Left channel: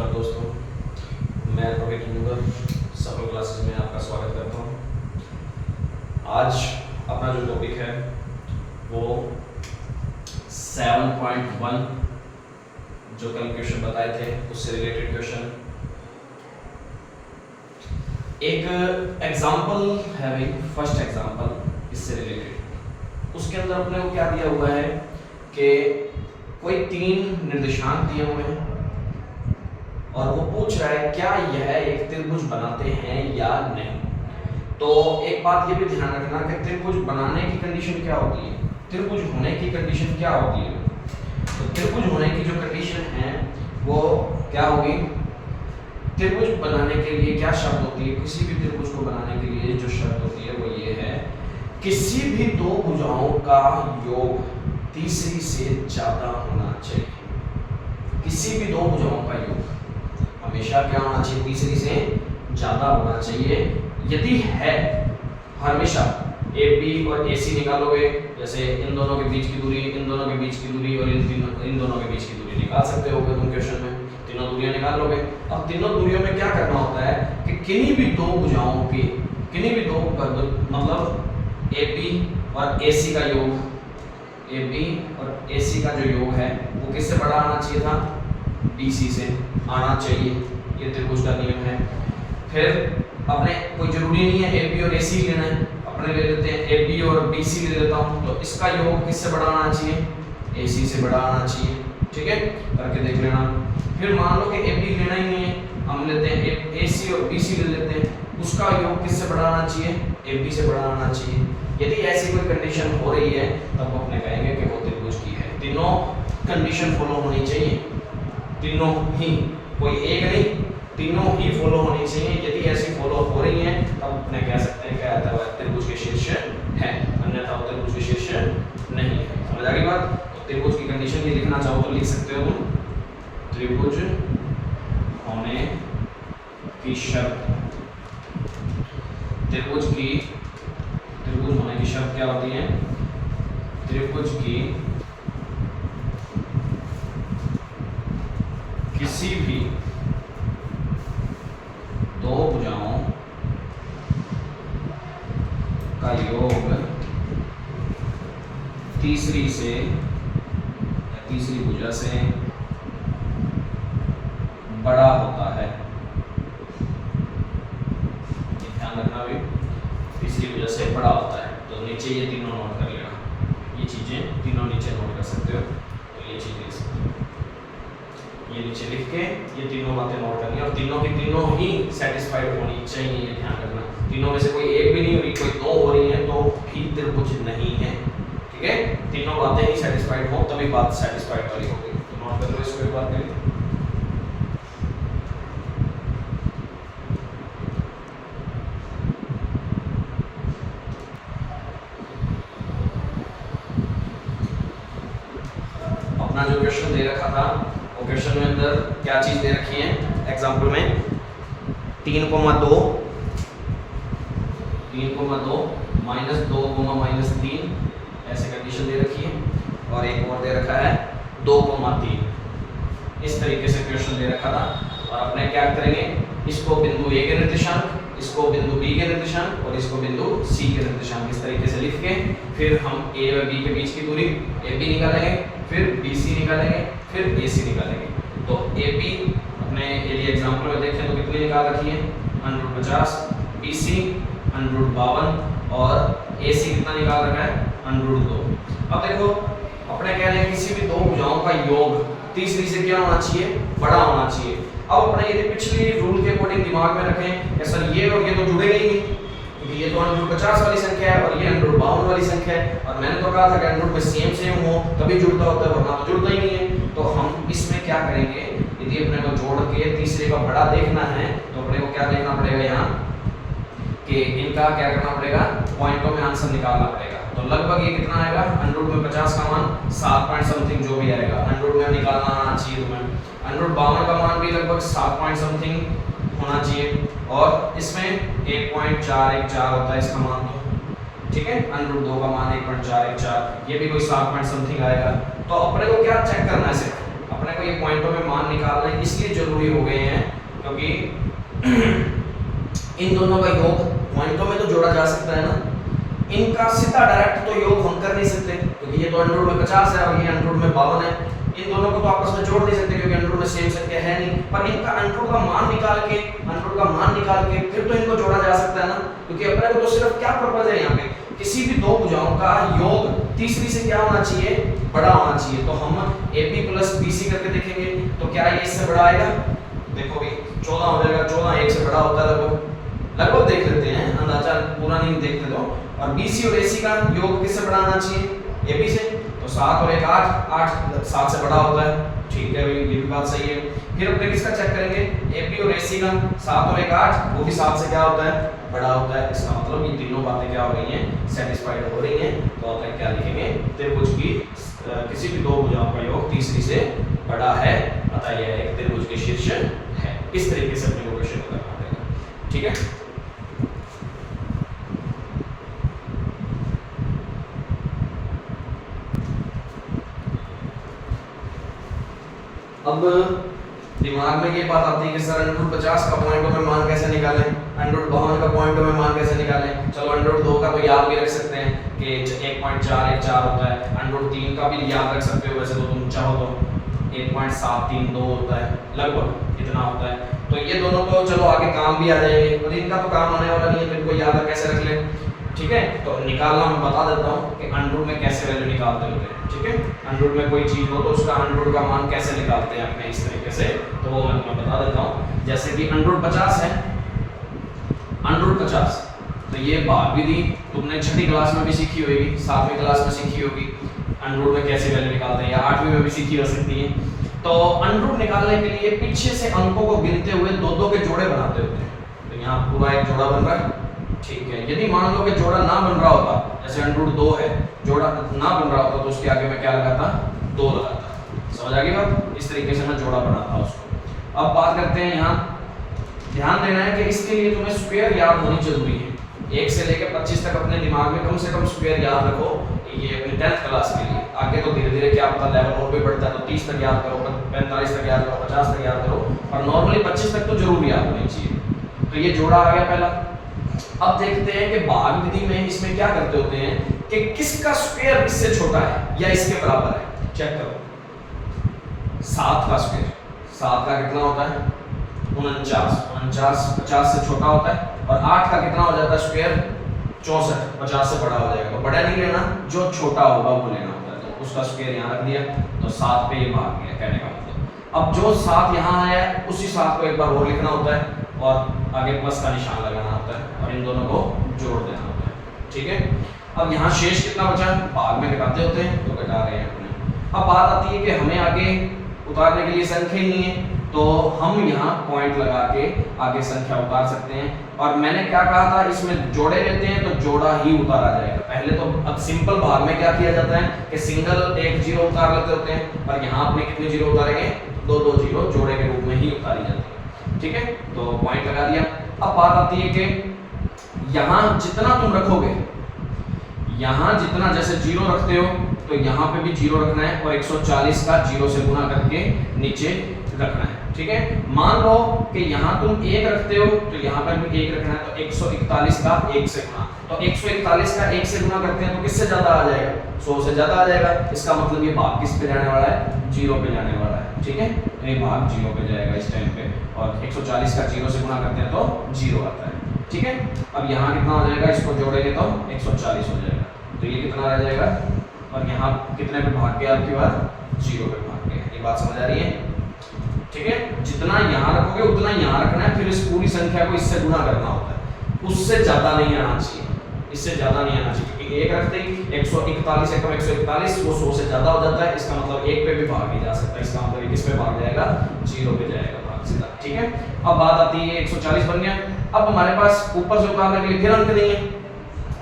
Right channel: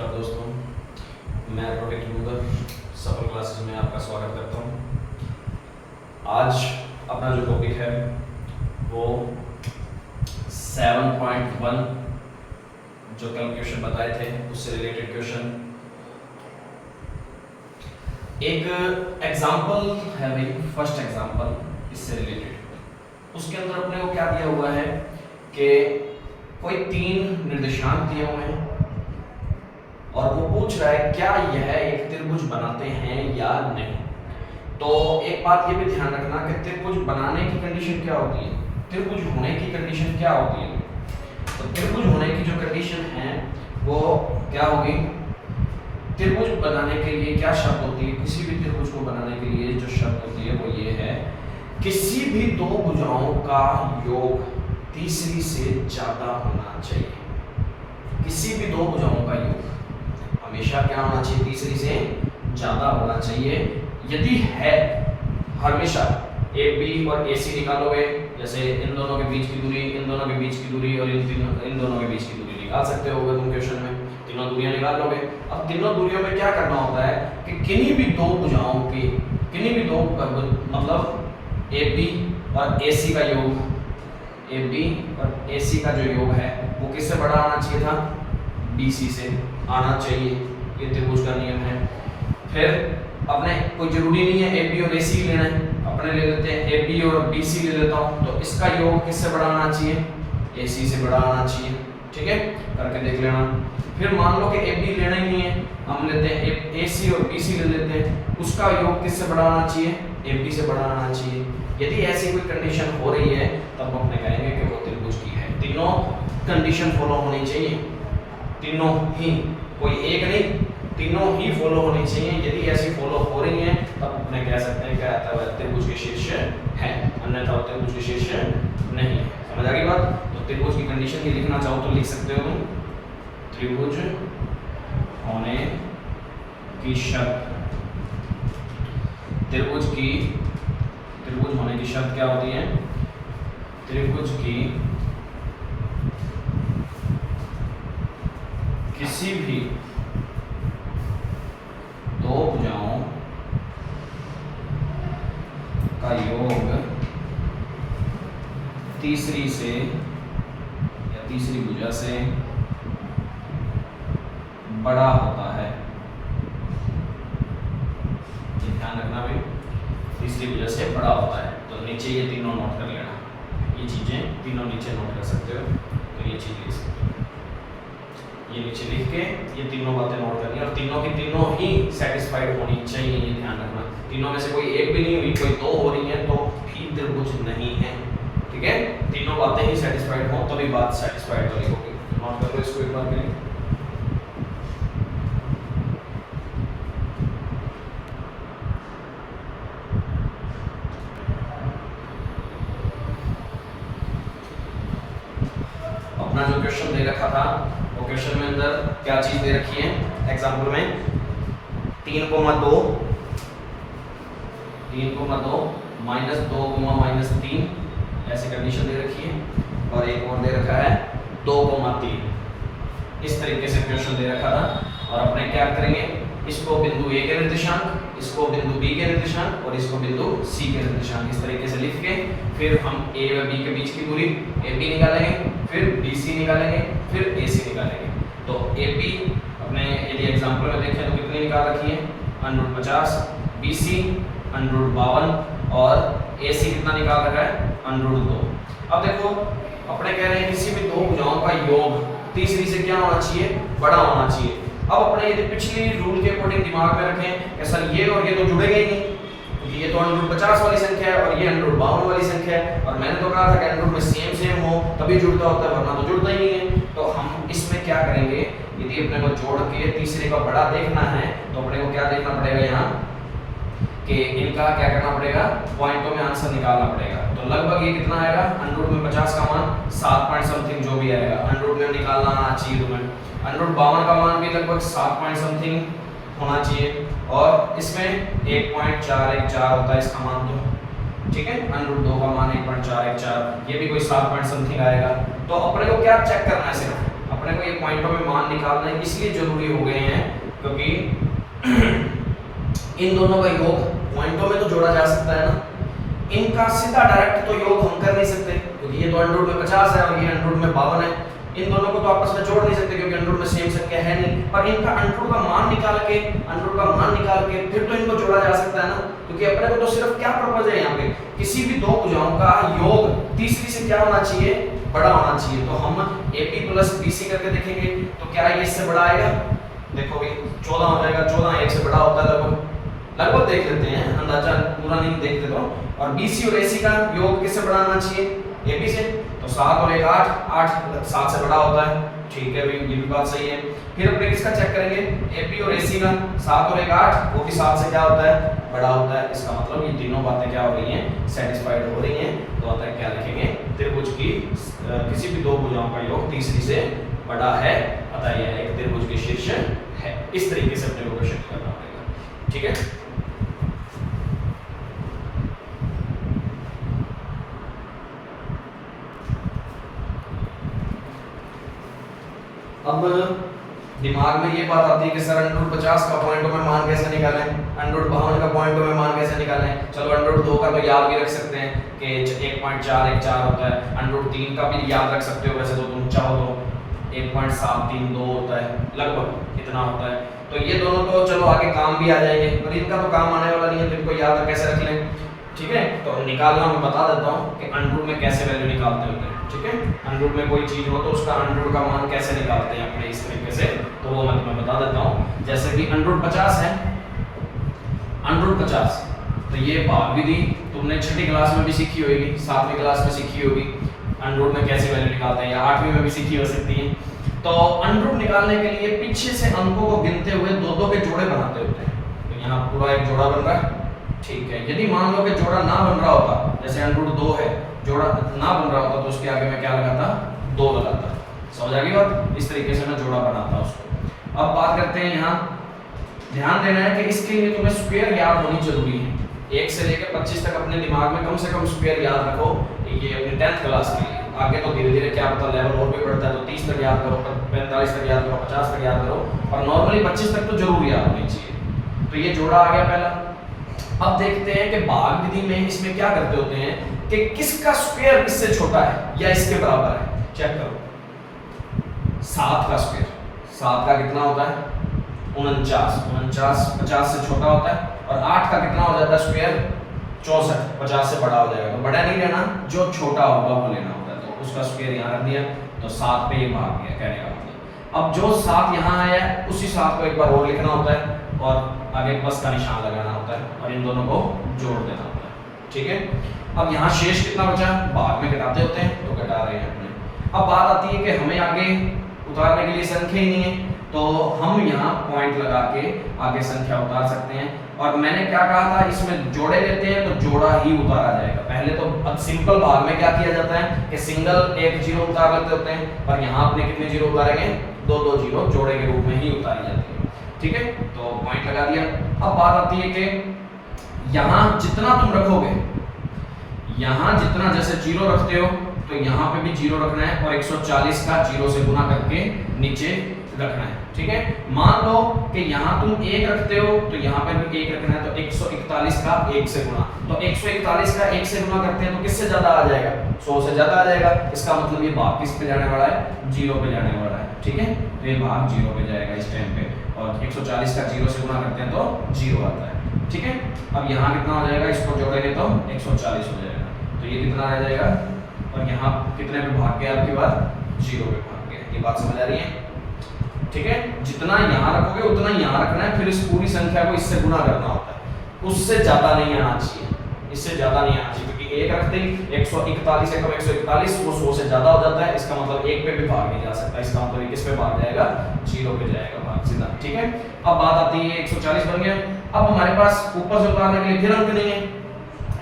नमस्कार दोस्तों, मैं रोहित मुगर सफल क्लासेस में आपका स्वागत करता हूँ। आज अपना जो टॉपिक है वो 7.1 जो कल क्वेश्चन बताए थे उससे रिलेटेड क्वेश्चन। एक एग्जाम्पल है भाई, फर्स्ट एग्जाम्पल इससे रिलेटेड। उसके अंदर अपने को क्या दिया हुआ है कि कोई 3 निर्देशांक दिए हुए हैं और वो पूछ रहा है क्या यह एक त्रिभुज बनाते हैं या नहीं। तो एक बात ये भी ध्यान रखना कि त्रिभुज बनाने की कंडीशन क्या होती है, त्रिभुज होने की कंडीशन क्या होती है। तो त्रिभुज होने की जो कंडीशन है वो क्या होगी, त्रिभुज बनाने के लिए क्या शर्त होती है, किसी भी त्रिभुज को बनाने के लिए जो शर्त होती है वो ये है, किसी भी दो भुजाओं का योग तीसरी से ज्यादा होना चाहिए। किसी भी दो भुजाओं का योग हमेशा क्या होना चाहिए, तीसरी से ज्यादा होना चाहिए। यदि है हमेशा ए बी और ए सी निकालोगे, जैसे इन दोनों के बीच की दूरी, इन दोनों के बीच की दूरी और इन दोनों के बीच की दूरी निकाल सकते हो तुम क्वेश्चन में, तीनों दूरियां निकाल लोगे। अब तीनों दूरियों में क्या करना होता है कि किन्हीं भी दो भुजाओं के, किन्हीं भी दो मतलब ए बी और ए सी का योग, ए बी और ए सी का जो योग है वो किससे बड़ा आना चाहिए था, बी सी से आना चाहिए। ये त्रिभुज का नियम है। फिर अपने कोई जरूरी नहीं है ए बी और ए सी लेना है, अपने ले लेते हैं ए बी और बी सी ले लेता हूँ। तो इसका योग किससे बड़ा आना चाहिए, ए सी से बड़ा आना चाहिए। ठीक है, करके देख लेना। फिर मान लो कि ए बी लेना ही नहीं है, हम लेते हैं ए सी और बी सी ले लेते हैं, उसका योग किससे बड़ा आना चाहिए, ए बी से बड़ा आना चाहिए। यदि ऐसी कोई कंडीशन हो रही है तब अपने कहेंगे कि वो त्रिभुज की है। तीनों कंडीशन फॉलो होनी चाहिए, तीनों ही, कोई एक नहीं, तीनों ही फॉलो होनी चाहिए। यदि ऐसी फॉलो हो रही है तब अपने कह सकते हैं क्या आता है, त्रिभुज के शीर्ष है, अन्यथा वो त्रिभुज के शीर्ष नहीं है। समझ आ गई बात। तो त्रिभुज की कंडीशन भी लिखना चाहो तो लिख सकते हो तुम, त्रिभुज होने की शर्त, त्रिभुज होने की शर्त क्या होती है, त्रिभुज की किसी भी दो भुजाओं का योग तीसरी से या तीसरी भुजा से बड़ा होता है। ध्यान रखना भी, तीसरी भुजा से बड़ा होता है। तो नीचे ये तीनों नोट कर लेना, ये चीजें तीनों नीचे नोट कर सकते हो। तो ये चीज लिख सकते हो, ये नीचे लिख के ये तीनों बातें नोट करनी है और तीनों की तीनों ही सेटिस्फाइड होनी चाहिए। ये ध्यान रखना, तीनों में से कोई एक भी नहीं हुई, कोई दो हो रही है तो भी त्रिभुज नहीं है। ठीक है, तीनों बातें ही सेटिस्फाइड हो तभी बात सेटिस्फाइड वाली होगी। तो नोट कर लो इसको एक बार के लिए। अपना जो क्वेश्चन दे रखा था वो क्वेश्चन में अंदर क्या चीज दे रखी है, एग्जाम्पल में 3,2 -2, ऐसे कंडीशन दे रखी है। और एक और दे रखा है 2,3। इस तरीके से क्वेश्चन दे रखा था। और अपने क्या करेंगे, इसको बिंदु ए के निर्देशांक, इसको बिंदु बी के निर्देशांक और इसको बिंदु सी के निर्देशांक, इस तरीके से लिख के फिर हम ए और बी के बीच की दूरी ए बी निकालेंगे, फिर बी सी निकालेंगे, फिर ए सी निकालेंगे। तो ए बी अपने यदि एग्जाम्पल में देखें तो कितनी निकाल रखी है, √50, बी सी √52 और ए सी कितना निकाल रखा है, √2। अब देखो अपने कह रहे हैं किसी भी दो भुजाओं का योग तीसरी से क्या होना चाहिए, बड़ा होना चाहिए। अब अपने यदि पिछली रूल के अकॉर्डिंग दिमाग में रखें कि सर ये और ये तो जुड़ेगा ही नहीं, क्योंकि ये तो √50 वाली संख्या है और ये √52 वाली संख्या है, और मैंने तो कहा था कि √ में सेम हो तभी जुड़ता होता है, वरना तो जुड़ता ही नहीं है। तो हम इसमें क्या करेंगे, यदि अपने को जोड़ के तीसरे का बड़ा देखना है तो अपने को क्या देखना पड़ेगा यहाँ कि इनका क्या करना पड़ेगा, पॉइंटों में आंसर निकालना पड़ेगा। तो लगभग ये कितना आएगा, 100 में 50 का मान 7 पॉइंट समथिंग जो भी आएगा 100 में निकालना आना चाहिए तुम्हें। 152 का मान भी लगभग 7 पॉइंट समथिंग होना चाहिए और इसमें 1.414 होता है इसका मान। तो ठीक है, √2 का मान 1.414, ये भी कोई 7 पॉइंट समथिंग आएगा। तो अपने को क्या चेक करना है सिर्फ अपने को ये पॉइंटों में मान निकालना इसलिए जरूरी हो गए हैं क्योंकि इन दोनों का योग पॉइंटों में तो जोड़ा जा सकता है ना, इनका सीधा डायरेक्ट तो योग हम कर नहीं सकते क्योंकि ये तो अंडर रूट में 50 है और ये अंडर रूट में 52 है। इन दोनों को तो आपस में जोड़ नहीं सकते क्योंकि अंडर रूट में सेम संख्या है नहीं, पर इनका अंडर रूट का मान निकाल के फिर तो इनको जोड़ा जा सकता है ना, क्योंकि अपने को तो सिर्फ क्या पर्पस है यहाँ पे, किसी भी दो भुजाओं का योग तीसरी से क्या होना चाहिए, बड़ा होना चाहिए। तो हम AP प्लस BC करके देखेंगे तो क्या ये इससे बड़ा आएगा, देखो भाई 14 हो जाएगा, 14 1 से बड़ा होता है लगभग देख लेते हैं, अंदाजा पूरा नहीं देखते तो। और BC और AC का योग किससे बड़ा आना चाहिए, AB से, तो 7 और 1 8, 8 7 से बड़ा होता है, ठीक है भाई ये भी बात सही है। फिर अपने किसका चेक करेंगे, AP और AC का 7 और 1 8, वो भी 7 से क्या होता है, बड़ा होता है। इसका मतलब ये तीनों बातें क्या हो रही हैं, सेटिस्फाइड हो रही हैं। तो आता है क्या लिखेंगे, त्रिभुज की किसी भी दो भुजाओं का योग तीसरी से बड़ा है, अतः यह एक त्रिभुज के शीर्ष है। इस तरीके से अपने को क्वेश्चन करना पड़ेगा, ठीक है। अब दिमाग में ये बात आती है कि सर अंडर रूट 50 का पॉइंटों में मान कैसे निकालें, अंडर रूट 52 का पॉइंटों में मान कैसे निकालें। चलो अंडर रूट 2 का तो याद भी रख सकते हैं कि 1.414 होता है, अंडर रूट 3 का भी याद रख सकते हो वैसे तो तुम चाहो तो 1.732 होता है, लगभग इतना होता है। तो ये दोनों तो चलो आगे काम भी आ जाएंगे, पर इनका तो काम आने वाला नहीं है, तो इनको याद कैसे रख लें, ठीक है। तो निकालना मैं बता देता हूँ कि अंडर रूट में कैसे वैल्यू निकालते होते हैं, ठीक है। अंडर रूट में कोई चीज हो तो उसका अंडर रूट का मान कैसे निकालते हैं अपने इस तरीके से, तो वो मैं तुम्हें बता देता हूँ। जैसे कि अंडर रूट 50 है, अंडर रूट 50 तो ये भाग विधि तुमने छठी क्लास में भी सीखी होगी, 7वीं क्लास में सीखी होगी, अंडर रूट में कैसे वैल्यू निकालते हैं, या 8वीं में भी सीखी हो सकती है। तो अंडर रूट निकालने के लिए पीछे से अंकों को गिनते हुए दो दो के जोड़े बनाते होते हैं। तो यहाँ पूरा एक जोड़ा बन रहा है, ठीक है। यदि मान लो कि जोड़ा ना बन रहा होता, जैसे अंडर रूट 2 है, जोड़ा ना बन रहा होता तो उसके आगे मैं क्या लगाता, 2 लगाता, समझ आ गई बात। इस तरीके से मैं जोड़ा बनाता उसको। अब बात करते हैं, यहाँ ध्यान देना है कि इसके लिए तुम्हें स्क्वायर याद होनी जरूरी है। 1 से लेकर 25 तक अपने दिमाग में कम से कम स्क्वायर याद रखो, ये अपनी 10th क्लास के लिए। आगे तो धीरे धीरे क्या पता लेवल और भी बढ़ता है, तो 30 तक याद करो, 45 तक याद करो, 50 तक याद करो, और नॉर्मली 25 तक तो जरूर याद होनी चाहिए। तो ये जोड़ा आ गया पहला। अब देखते हैं कि भाग विधि में इसमें क्या करते होते हैं कि किसका स्क्वायर इससे छोटा है या इसके बराबर है। चेक करो, 7 का स्क्वायर, 7 का कितना होता है 49, 50 से छोटा होता है। और 8 का कितना हो जाता है स्क्वायर 64, 50 से बड़ा हो जाएगा। तो बड़ा नहीं लेना, जो छोटा होगा वो लेना होता है। तो उसका स्क्वायर यहाँ रख दिया, तो 7 पे ये भाग गया, कहने का मतलब। अब जो 7 यहाँ आया है उसी 7 को एक बार और लिखना होता है और आगे प्लस का निशान लगाना होता है और इन दोनों को जोड़ देना होता है, ठीक है। अब यहाँ शेष कितना बचा, भाग में घटाते होते हैं तो घटा रहे हैं अपने। अब बात आती है कि हमें आगे उतारने के लिए संख्या नहीं है, तो हम यहाँ पॉइंट लगा के आगे संख्या उतार सकते हैं। और मैंने क्या कहा था, इसमें जोड़े लेते हैं तो जोड़ा ही उतारा जाएगा। पहले तो अब सिंपल भाग में क्या किया जाता है कि सिंगल एक जीरो उतार लेते होते हैं, पर यहाँ अपने कितने जीरो उतारेंगे, 2 जीरो जोड़े के रूप में ही उतारी जाती है, ठीक है। तो पॉइंट लगा दिया। अब बात आती है कि यहाँ जितना तुम रखोगे, यहाँ जितना जैसे जीरो रखते हो तो यहाँ पे भी जीरो रखना है और 140 का जीरो से गुना करके नीचे रखना है, ठीक है। मान लो कि यहाँ तुम 1 रखते हो तो यहाँ पर भी 1 रखना है, तो 141 का 1 से गुना, तो 141 का 1 से गुना करते हैं तो किससे ज्यादा आ जाएगा, 100 से ज्यादा आ जाएगा। इसका मतलब ये भाग किस पे जाने वाला है, 0 पे जाने वाला है, ठीक है। तो ये भाग 0 पे जाएगा इस टाइम पे, और 140 का 0 से गुना करते हैं तो 0 आता है, ठीक है। अब यहाँ कितना हो जाएगा, इसको जोड़ेंगे तो 140 हो जाएगा, तो ये कितना रह जाएगा, और यहाँ कितने पे भाग गया आपके बाद 0 पे भाग गया। ये बात समझ आ रही है, ठीक है। जितना यहाँ रखोगे उतना यहाँ रखना है, फिर इस पूरी संख्या को इससे गुना करना होता है, उससे ज्यादा नहीं आना चाहिए, इससे ज्यादा नहीं आना चाहिए, क्योंकि 1 रखते ही 141 एकम 141 वो 100 से ज्यादा हो जाता है। इसका मतलब 1 पे भी भाग नहीं जा सकता, इसका मतलब किस पे भाग जाएगा, 0 पे जाएगा भाग सीधा, ठीक है। अब बात आती है 140 बन गया। अब हमारे पास ऊपर से उतारने के लिए फिर अंक नहीं है,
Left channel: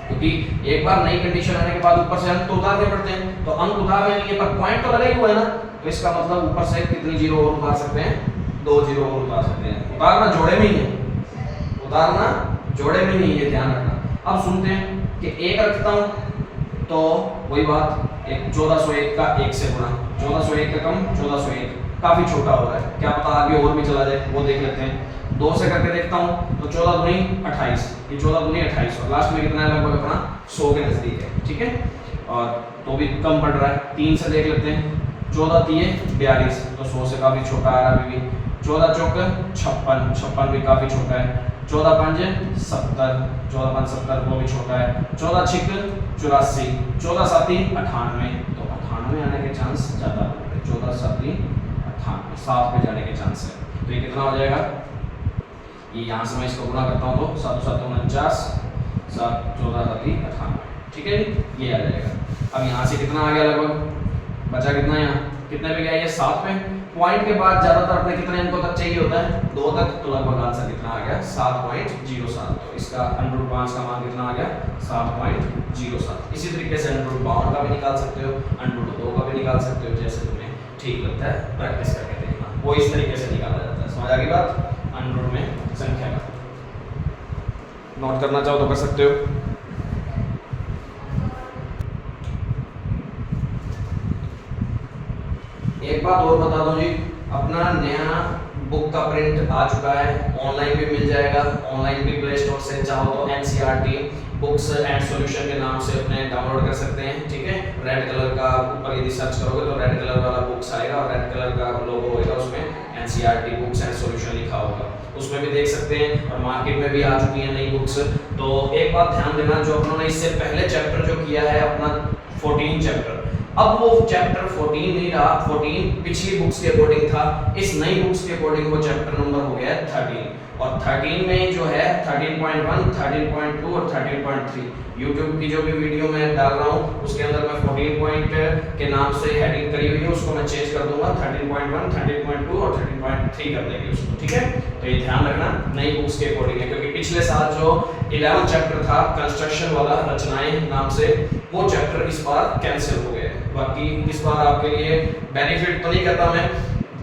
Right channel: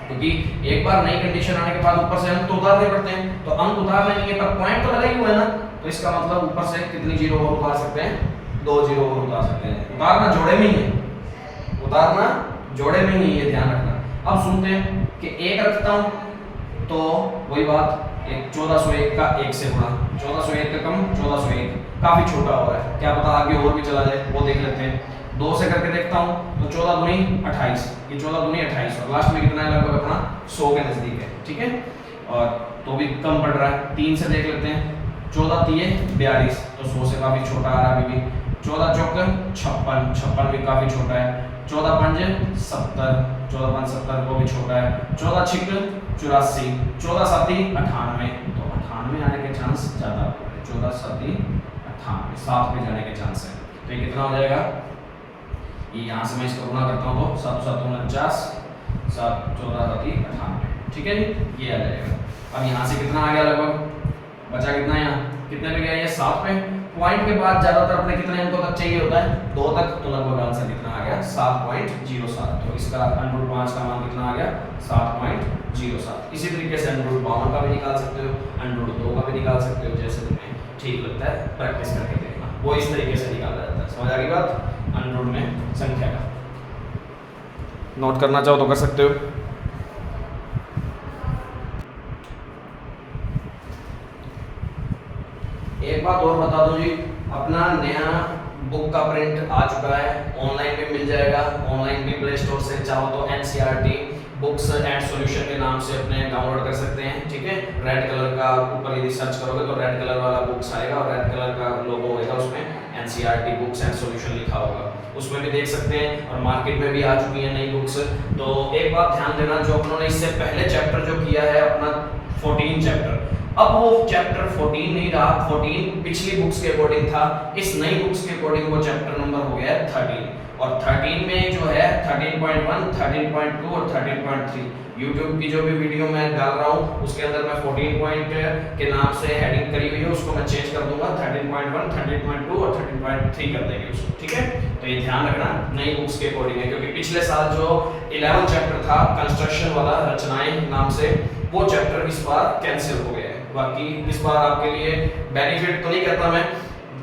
क्योंकि एक बार नई कंडीशन आने के बाद ऊपर से अंक तो उतारने पड़ते हैं, तो अंक उतारने नहीं है पर पॉइंट तो लगा ही हुआ है ना, तो इसका मतलब ऊपर से कितनी जीरो और उतार सकते हैं, 2 जीरो और उतार सकते हैं। उतारना जोड़े में ही है, उतारना जोड़े में ही है, ध्यान रखना। अब सुनते हैं कि 1 रखता हूं तो वही बात एक 1401 का 1 से गुणा, 1401 का कम 1401 काफी छोटा हो रहा है, क्या पता आगे और भी चला जाए, वो देख लेते हैं। 2 से करके देखता हूँ तो 14 दूनी 28, ये 14 दूनी 28 और लास्ट में कितना है लगभग अपना 100 के नजदीक है, ठीक है। और तो भी कम पड़ रहा है। 3 से देख लेते हैं, 14 3 42 तो 100 से काफी छोटा आ रहा है अभी भी। 14 चौक 56, 56 भी काफी छोटा है। 14 पंज 70, 14 5 70 वो भी छोटा है। 14 छिक 84, 14 साती 98 तो 98 आने के चांस ज्यादा है। 14 साती 98 7 पे जाने के चांस है। तो ये कितना हो जाएगा, ये यहाँ से मैं इसको गुना करता हूँ तो 7 7 49 7 14 साती 98, ठीक है जी, ये आ जाएगा। अब यहाँ से कितना आ गया लगभग, बचा कितना यहाँ, कितने पे गया ये 7 पे। पॉइंट के बाद ज्यादातर अपने कितना इनको तक चाहिए होता है 2 तक, तो लगभग आंसर कितना आ गया 7.07। तो इसका √5 का मान कितना आ गया 7.07। इसी तरीके से √52 का भी निकाल सकते हो, √2 का भी निकाल सकते हो, जैसे तुम्हें ठीक लगता है प्रैक्टिस करके देखना, वो इस तरीके से निकाला जाता है। समझ आ गई बात, √ में संख्या का नोट करना चाहो तो कर सकते हो। एक बात और बता दूं जी, अपना नया बुक का प्रिंट आ चुका है, ऑनलाइन भी मिल जाएगा, ऑनलाइन भी प्ले स्टोर से चाहो तो NCERT बुक्स एंड सॉल्यूशन के नाम से अपने डाउनलोड कर सकते हैं, ठीक है। रेड कलर का ऊपर यदि सर्च करोगे तो रेड कलर वाला बुक्स आएगा और रेड कलर का लोगो होगा, उसमें NCERT बुक्स एंड सॉल्यूशन लिखा होगा, उसमें भी देख सकते हैं। और मार्केट में भी आ चुकी हैं नई बुक्स। तो एक बात ध्यान देना, जो अपनों ने इससे पहले चैप्टर जो किया है अपना 14 चैप्टर, अब वो चैप्टर 14 नहीं रहा, 14 पिछली बुक्स के अकॉर्डिंग था, इस नई बुक्स के अकॉर्डिंग वो चैप्टर नंबर हो गया 13। और 13 में जो है 13.1, 13.2 और 13.3 YouTube की जो भी वीडियो मैं डाल रहा हूँ उसके अंदर मैं 14 पॉइंट के नाम से हेडिंग करी हुई है, उसको मैं चेंज कर दूंगा 13.1, 13.2 और 13.3 कर देंगे उसको, ठीक है। तो ये ध्यान रखना नई बुक्स के अकॉर्डिंग है, क्योंकि पिछले साल जो 11 चैप्टर था कंस्ट्रक्शन वाला रचनाएं नाम से, वो चैप्टर इस बार कैंसिल हो गया है। बाकी इस बार आपके लिए बेनिफिट तो नहीं कहता मैं,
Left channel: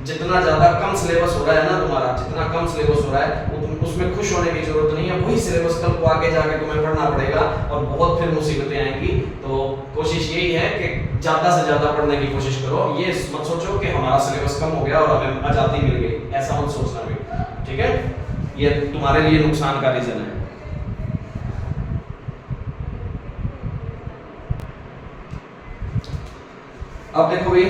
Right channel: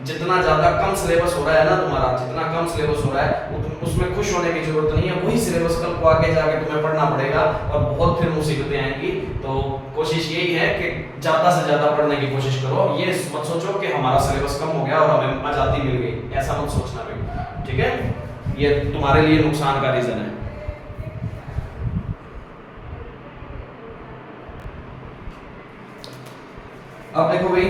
जितना ज्यादा कम सिलेबस हो रहा है ना तुम्हारा, जितना कम सिलेबस हो रहा है उसमें खुश होने की जरूरत नहीं है, वही सिलेबस कल को आगे जाके तुम्हें पढ़ना पड़ेगा और बहुत फिर मुसीबतें आएंगी। तो कोशिश यही है कि ज्यादा से ज्यादा पढ़ने की कोशिश करो, ये मत सोचो कि हमारा सिलेबस कम हो गया और हमें आजादी मिल गई, ऐसा मत सोचना भी, ठीक है। ये तुम्हारे लिए नुकसान का रीजन है। अब देखो भाई,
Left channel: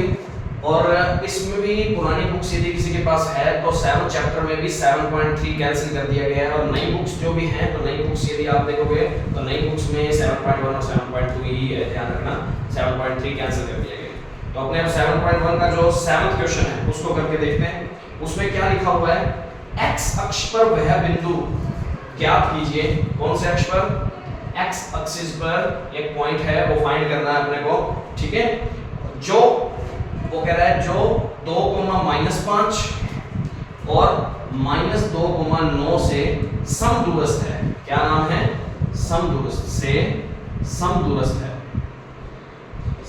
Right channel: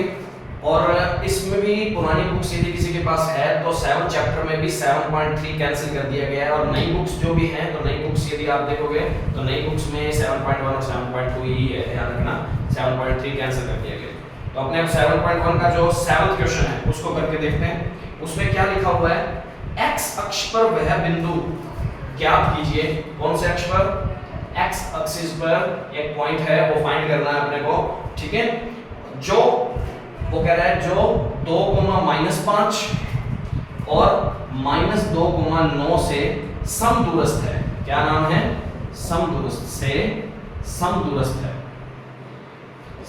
और इसमें भी पुरानी बुक्स यदि किसी के पास है तो 7 चैप्टर में भी 7.3 कैंसिल कर दिया गया है, और नई बुक्स जो भी हैं तो नई बुक्स यदि आप देखोगे तो नई बुक्स में 7.1 और 7.2 ही है, ध्यान रखना 7.3 कैंसिल कर दिया गया। तो अपने अब 7.1 का जो 7th क्वेश्चन है उसको करके देखते हैं। उसमें क्या लिखा हुआ है, x अक्ष पर वह बिंदु ज्ञात कीजिए। कौन से अक्ष पर, x एक्सिस पर एक पॉइंट है वो फाइंड करना है अपने को, ठीक है। जो वो कह रहा है जो 2,-5 और -2,9 से समदूरस्थ है। क्या नाम है, समदूरस्थ से, समदूरस्थ है,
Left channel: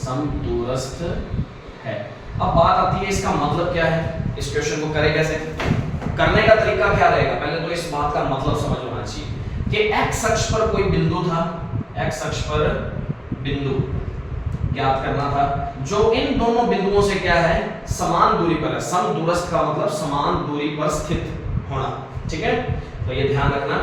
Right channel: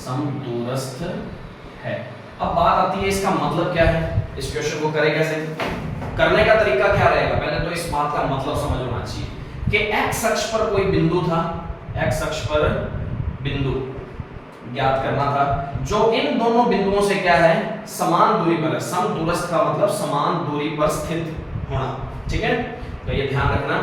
समदूरस्थ है। अब बात आती है इसका मतलब क्या है, इस क्वेश्चन को करें कैसे, करने का तरीका क्या रहेगा। पहले तो इस बात का मतलब समझ होना चाहिए कि x अक्ष पर कोई बिंदु था, x अक्ष पर बिंदु ज्ञात करना था जो इन दोनों बिंदुओं से क्या है, समान दूरी पर है। समदूरस्थ का मतलब समान दूरी पर स्थित होना, ठीक है। तो ये ध्यान रखना।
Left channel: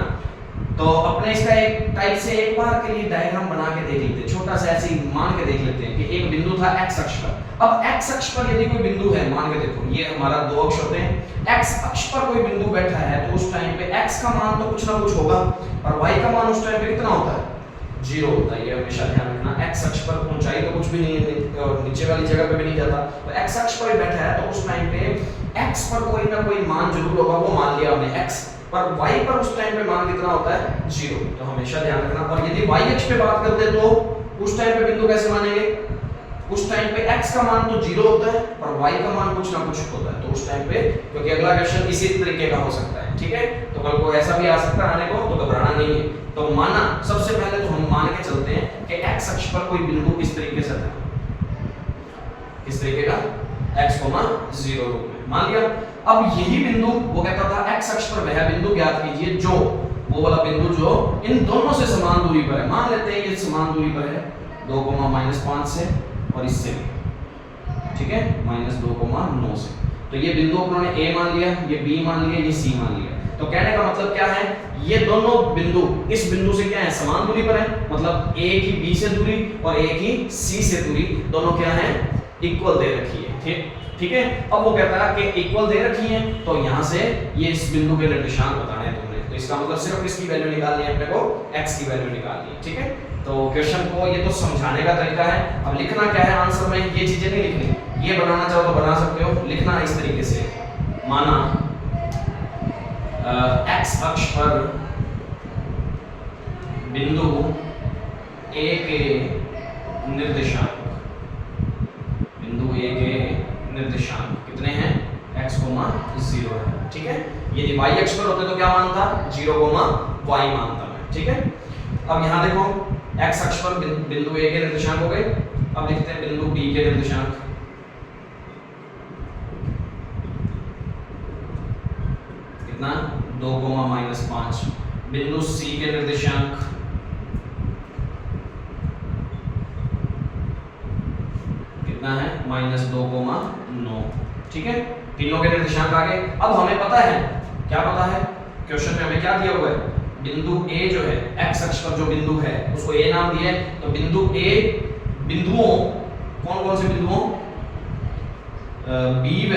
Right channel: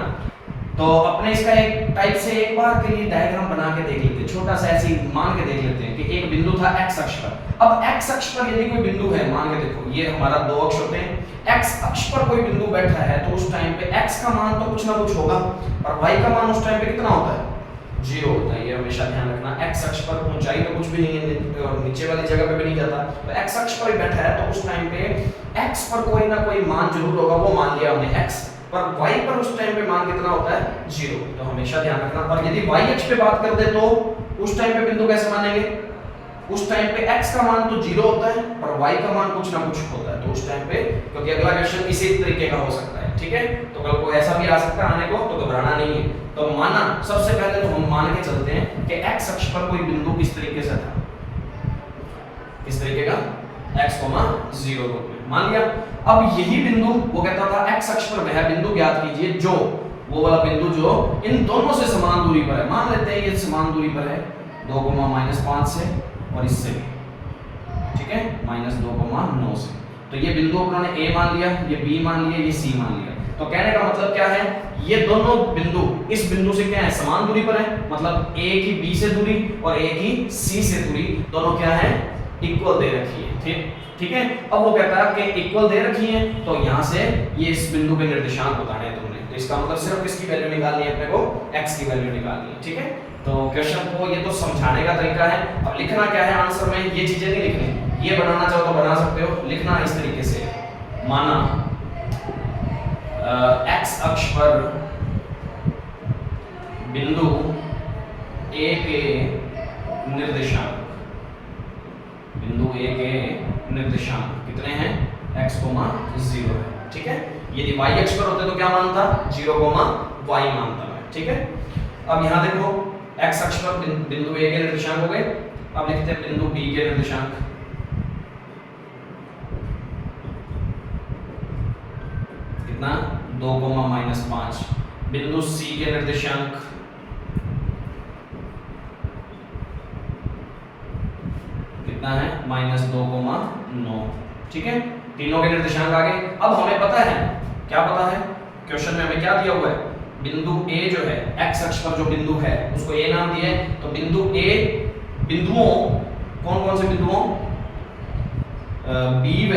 तो अपने इसका एक टाइप से एक बार के लिए डायग्राम बना के देख लेते हैं, छोटा सा ऐसे मान के देख लेते हैं कि एक बिंदु था x अक्ष पर। अब x अक्ष पर यदि कोई बिंदु है, मान के देखो ये हमारा 2 अक्ष होते हैं, x अक्ष पर कोई बिंदु बैठा है तो उस टाइम पे x का मान तो कुछ ना कुछ होगा और y का मान उस टाइम पे कितना होता है, 0 होता है। ये हमेशा ध्यान रखना। x अक्ष पर ऊंचाई तो कुछ भी नहीं है और नीचे वाली जगह पे भी नहीं जाता, तो x अक्ष पर ही बैठा है तो उस टाइम पे x पर कोई ना कोई मान जरूर होगा, वो मान लिया हमने x पर, y पर उस टाइम पे मान कितना होता है, 0। तो हमेशा ध्यान रखना। और यदि y अक्ष पे बात करते तो उस टाइम पे बिंदु कैसे मानेंगे, उस टाइम पे x का मान तो 0 होता है और y का मान कुछ ना कुछ होता है। तो उस टाइम पे, क्योंकि अगला क्वेश्चन इसी तरीके का हो सकता है, ठीक है। तो कल को ऐसा भी आ सकता है आने को, तो घबराना नहीं है। तो माना, सबसे पहले तो हम मान के चलते हैं कि x अक्ष पर कोई बिंदु इस तरीके से था, इस तरीके का x, 0 रूप में मान लिया। अब यही बिंदु वो कहता था x अक्ष पर वह बिंदु ज्ञात कीजिए जो, वो वाला बिंदु जो इन दोनों से समान दूरी पर है। मान लेते हैं ये समान दूरी पर है 2,-5 से और इससे भी, ठीक है, -2,9 से। तो ये बिंदु उन्होंने ए मान लिया, ये बी मान लिया, ये सी मान लिया। तो कहने का मतलब क्या है, ये दोनों बिंदु इस बिंदु से क्या है, समान दूरी पर है, मतलब ए की बी से दूरी और ए की सी से दूरी दोनों क्या है, इक्वल दे रखी है। ठीक है। अब वो कहता है कि इक्वल दे रखी है, तो यहां से ये इस बिंदु के निर्देशांक बताने हैं तुमने, तो इसका मतलब सिर्फ किसकी वैल्यू निकालनी है, अपने को x की वैल्यू निकालनी है। ठीक है। तो क्वेश्चन को ये तो समझाने का तरीका है, अब लिखना क्या है आंसर में, ये चीजें नहीं लिखनी, ये बनाना चाहो तो बना सकते हो, लिखना इस तरीके से, माना x अक्ष पर बिंदु A के निर्देशांक, बिंदु A के निर्देशांक कितने हैं, x, 0 है। ठीक है। यदि y अक्ष पर होते तो क्या मानता, 0, y मानता मैं। ठीक है। अब यहां देखो x अक्ष पर बिंदु A के निर्देशांक हो गए, अब लिखते हैं बिंदु B के निर्देशांक। कितना, 2, -5। बिंदु C के निर्देशांक कितना है, -2,9। ठीक है। तीनों के निर्देशांक आ गए। अब हमें पता है, क्या पता है, क्वेश्चन में हमें क्या दिया हुआ है, बिंदु A जो है, x अक्ष पर जो बिंदु है उसको A नाम दिया है, तो बिंदु A, बिंदुओं कौन कौन से बिंदुओं, B व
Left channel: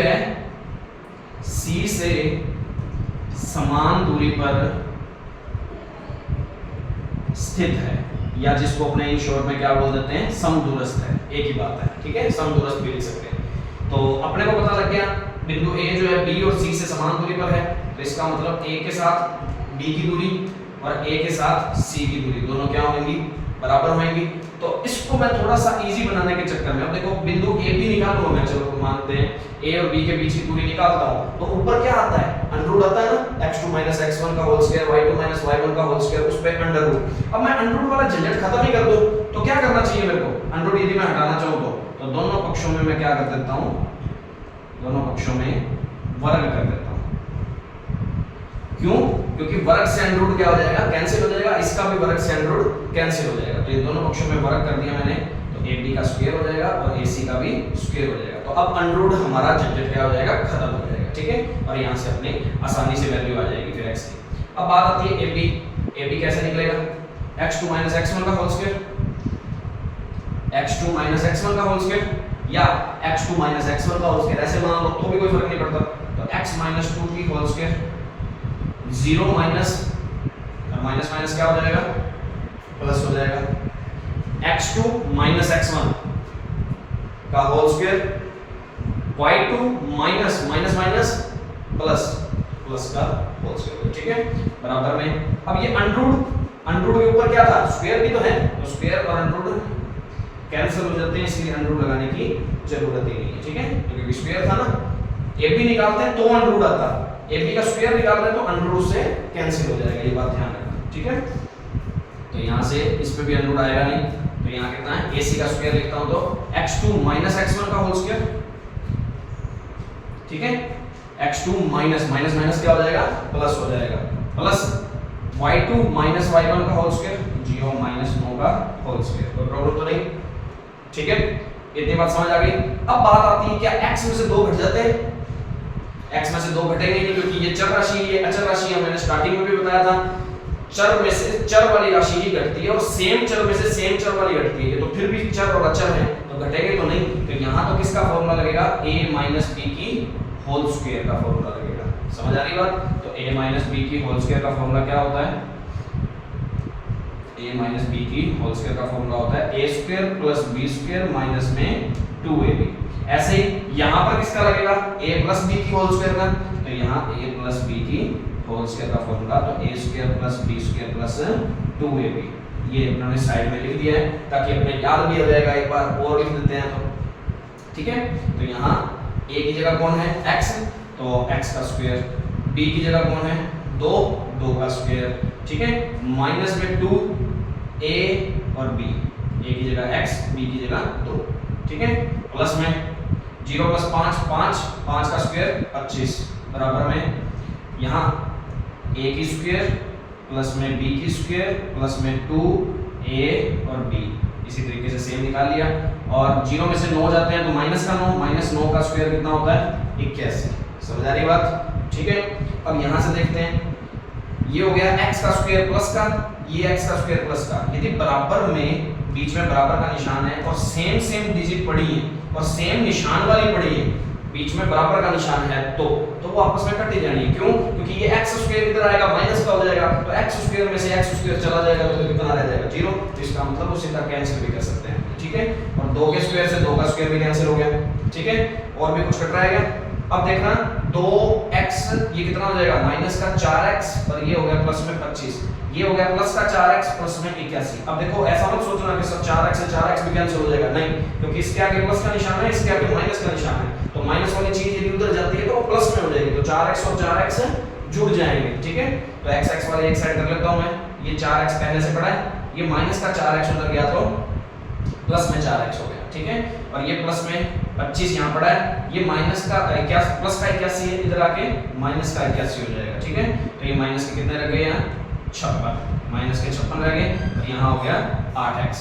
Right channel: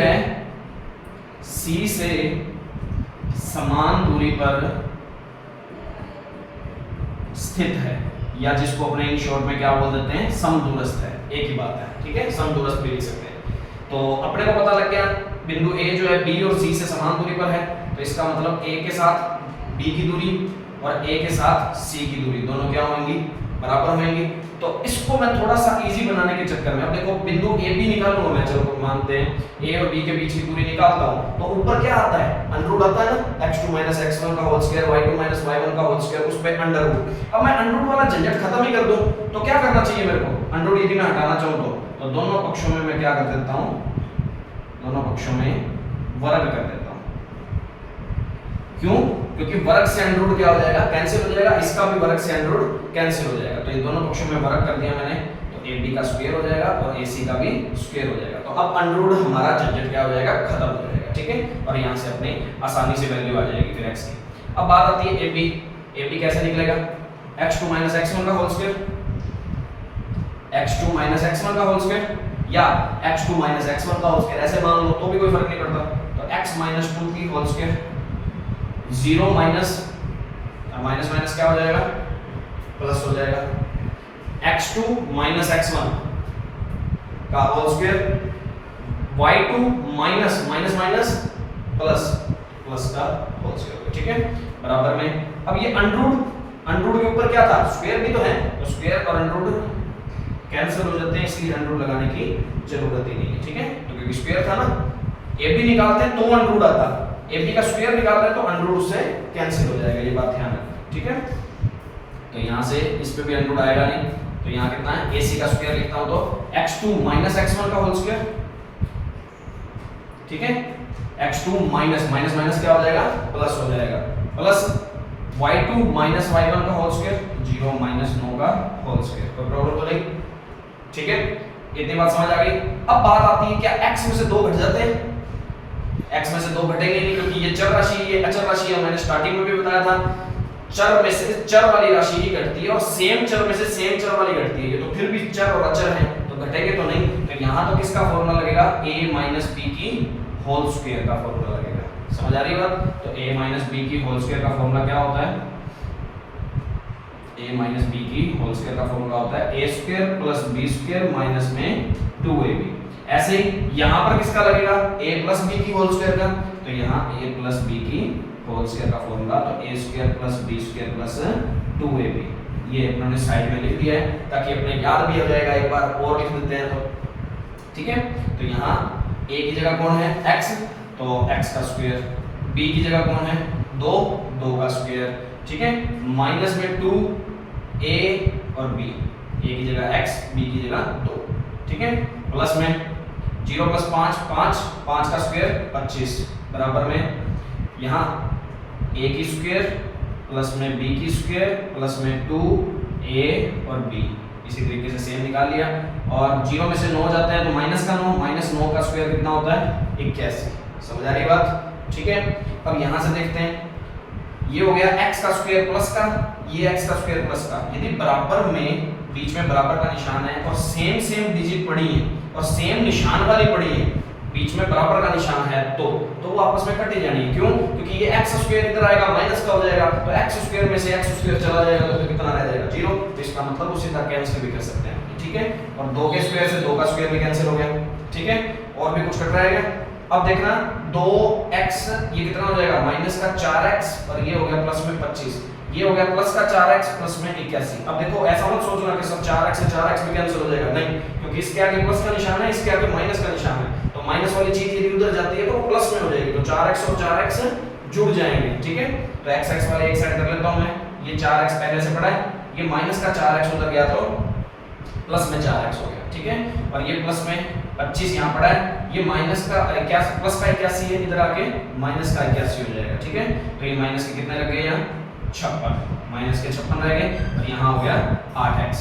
C से समान दूरी पर स्थित है, या जिसको अपने इन शॉर्ट में क्या बोल देते हैं, समदूरस्थ है, एक ही बात है। ठीक है। समदूरस्थ भी लिख सकते हैं। तो अपने को पता लग गया बिंदु A जो है B और C से समान दूरी पर है, तो इसका मतलब A के साथ B की दूरी और A के साथ C की दूरी दोनों क्या होंगी, बराबर होंगी। तो इसको मैं थोड़ा सा इजी बनाने के चक्कर में, अब देखो बिंदु A B निकालूंगा मैं, चलो मानते हैं A और B के बीच की दूरी निकालता हूं, तो ऊपर क्या आता है, अंडर आता है ना, x2 - x1 का होल स्क्वायर, y2 - y1 का होल स्क्वायर, उस पे अंडर रूट। अब मैं अंडर रूट वाला झंझट खत्म ही कर दूं, तो क्या करना चाहिए मेरे को, अंडर रूट यदि मैं हटाना चाहूं तो दोनों पक्षों में मैं क्या कर देता हूं, दोनों पक्षों में वर्ग कर देता हूं। क्यों, क्योंकि वर्ग से अंडर रूट क्या हो जाएगा, कैंसिल हो जाएगा, इसका भी वर्ग से अंडर रूट कैंसिल हो जाएगा। तो ये दोनों पक्षों में वर्ग कर दिया मैंने, तो AB का स्क्वायर हो जाएगा और AC का भी स्क्वायर हो जाएगा। तो अब अंडर रूट हमारा झंझट क्या हो जाएगा, खत्म हो जाएगा। ठीक है। और यहां से अपने आसानी से वैल्यू आ जाएगी फिर x की। अब बात आती है AB कैसे निकलेगा, x2 - x1 का होल स्क्वायर, x2 - x1 का होल स्क्वायर या x2 - x1 का होल स्क्वायर, ऐसे मान लो तो भी कोई फर्क नहीं पड़ता। तो x - 2 की होल स्क्वायर, 0 माइनस माइनस क्या हो जाएगा, प्लस हो जाएगा, x2 - x1 का whole square, y2 minus plus का होल स्क्वायर। ठीक है। बराबर में अब ये अंडर के ऊपर क्या था, स्क्वायर भी तो है, तो स्क्वायर और अंडर कैंसिल हो जाते हैं, इसलिए अंडर लगाने की जरूरत ही नहीं है। ठीक है। तो क्योंकि स्क्वायर था ना, AB निकालते हैं तो अंडर आता, AB का स्क्वायर निकालते हैं तो अंडर से कैंसिल हो जाएगा, ये बात ध्यान रखना। ठीक है। तो यहां से इस पे भी अंडर आएगा नहीं, तो यहां कितना है, AC का स्क्वायर लिखता हूं तो x2 - x1 का होल स्क्वायर। ठीक है। x2 माइनस क्या हो जाएगा, प्लस हो जाएगा, प्लस y2 - y1 का होल स्क्वायर, 0 - 9 का होल स्क्वायर। कोई प्रॉब्लम तो नहीं। ठीक है। इतनी बात समझ आ गई। अब बात आती है, क्या x में से 2 घट जाते हैं, x में से 2 घटेंगे नहीं, क्योंकि ये चर राशि है, ये अचर राशि है, मैंने स्टार्टिंग में भी बताया था, चर में से चर वाली राशि ही घटती है और सेम चर में से सेम चर वाली घटती है। तो फिर भी चर और अचर हैं तो घटेंगे तो नहीं, तो यहां तो किसका फॉर्मूला लगेगा, a - b की होल स्क्वायर का फॉर्मूला लगेगा। समझ आ रही बात। तो a - b की होल स्क्वायर का फॉर्मूला क्या होता है, a - b की होल स्क्वायर का फॉर्मूला होता है a² + b² माइनस में 2ab। ऐसे ही यहां पर किसका लगेगा, a + b की होल स्क्वायर का, तो यहां a + b की होल स्क्वायर का फॉर्मूला, तो a² + b² + 2ab। ये अपने साइड में लिख दिया है ताकि अपने याद भी हो जाएगा, एक बार और लिख देते हैं तो। ठीक है। तो यहां a की जगह कौन है, x, तो x का स्क्वायर, b की जगह कौन है, 2 का स्क्वायर। ठीक है। माइनस में 2 a और b, a की जगह x, b की जगह 2। ठीक है। प्लस में 0 + 5 का स्क्वायर 25, बराबर में यहाँ a की स्क्वायर प्लस में b की स्क्वायर प्लस में 2a और b, इसी तरीके से सेम निकाल लिया, और 0 में से 9 जाते हैं तो माइनस का 9, माइनस 9 का स्क्वायर कितना होता है 81। समझ आ रही बात? ठीक है। अब यहाँ से देखते हैं, ये हो गया x का स्क्वायर प्लस का, ये x का स्क्वायर प्लस का। यदि बराबर में बीच में बराबर का निशान है और सेम सेम डिजिट पड़ी है और सेम निशान वाली पड़ी है, बीच में बराबर का निशान है, तो वो आपस में कट ही जानी है। क्यों? क्योंकि ये x स्क्वायर इधर आएगा माइनस का हो जाएगा, तो x स्क्वायर में से x स्क्वायर चला जाएगा तो कितना रह जाएगा 0। तो इसका मतलब उसी तरह कैंसिल भी कर सकते हैं। ठीक है। और 2 के स्क्वायर से 2 का स्क्वायर भी कैंसिल हो गया। ठीक है। और भी कुछ कट रहा है क्या? अब देखना 2x ये कितना हो जाएगा माइनस का 4x, और ये हो गया प्लस में 25, ये हो गया प्लस का 4x प्लस में 81। अब देखो ऐसा मत सोचना कि सब 4x से 4x भी कैंसिल हो जाएगा, नहीं, क्योंकि इसके आगे प्लस का निशान है, इसके आगे माइनस का निशान है, तो माइनस वाली चीज यदि उधर जाती है तो वो प्लस में हो जाएगी, तो 4x और 4x जुड़ जाएंगे। ठीक है। तो x वाले एक साइड कर लेता हूं मैं, ये 4x पहले से पड़ा है, ये माइनस का 4x उधर गया तो प्लस में 4x हो गया। ठीक है। और ये प्लस में 25 यहाँ पड़ा है, ये माइनस का 81 प्लस का 81 है, इधर आके माइनस का 81 हो जाएगा। ठीक है। तो ये माइनस के कितने रह गए यहाँ 56, माइनस के 56 रह गए, और यहाँ हो गया 8x।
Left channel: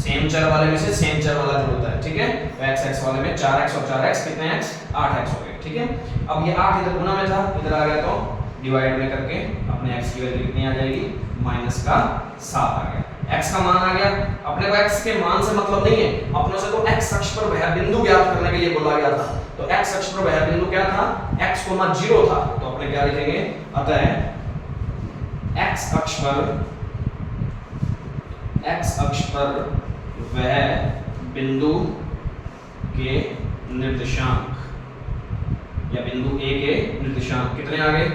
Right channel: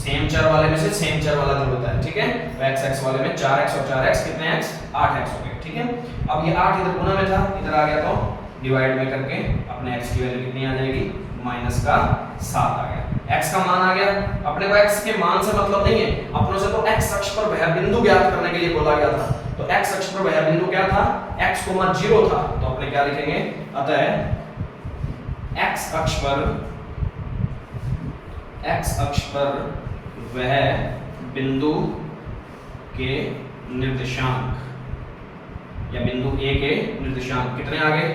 सेम चर वाले में से सेम चर वाला जो होता है। ठीक है। तो x वाले में 4x और 4x कितने x 8x हो गए। ठीक है। अब ये 8 इधर गुना में था, इधर आ गया तो डिवाइड में करके अपने x की वैल्यू कितनी आ जाएगी माइनस का 7 आ गया। x का मान आ गया। अपने को x के मान से मतलब नहीं है, अपनों से तो x अक्ष पर वह बिंदु ज्ञात करने के लिए बोला गया था। तो x अक्ष पर वह बिंदु क्या था x, 0 था, तो अपने क्या लिखेंगे, अतः x अक्ष पर वह बिंदु के निर्देशांक या बिंदु a के निर्देशांक कितने आ गए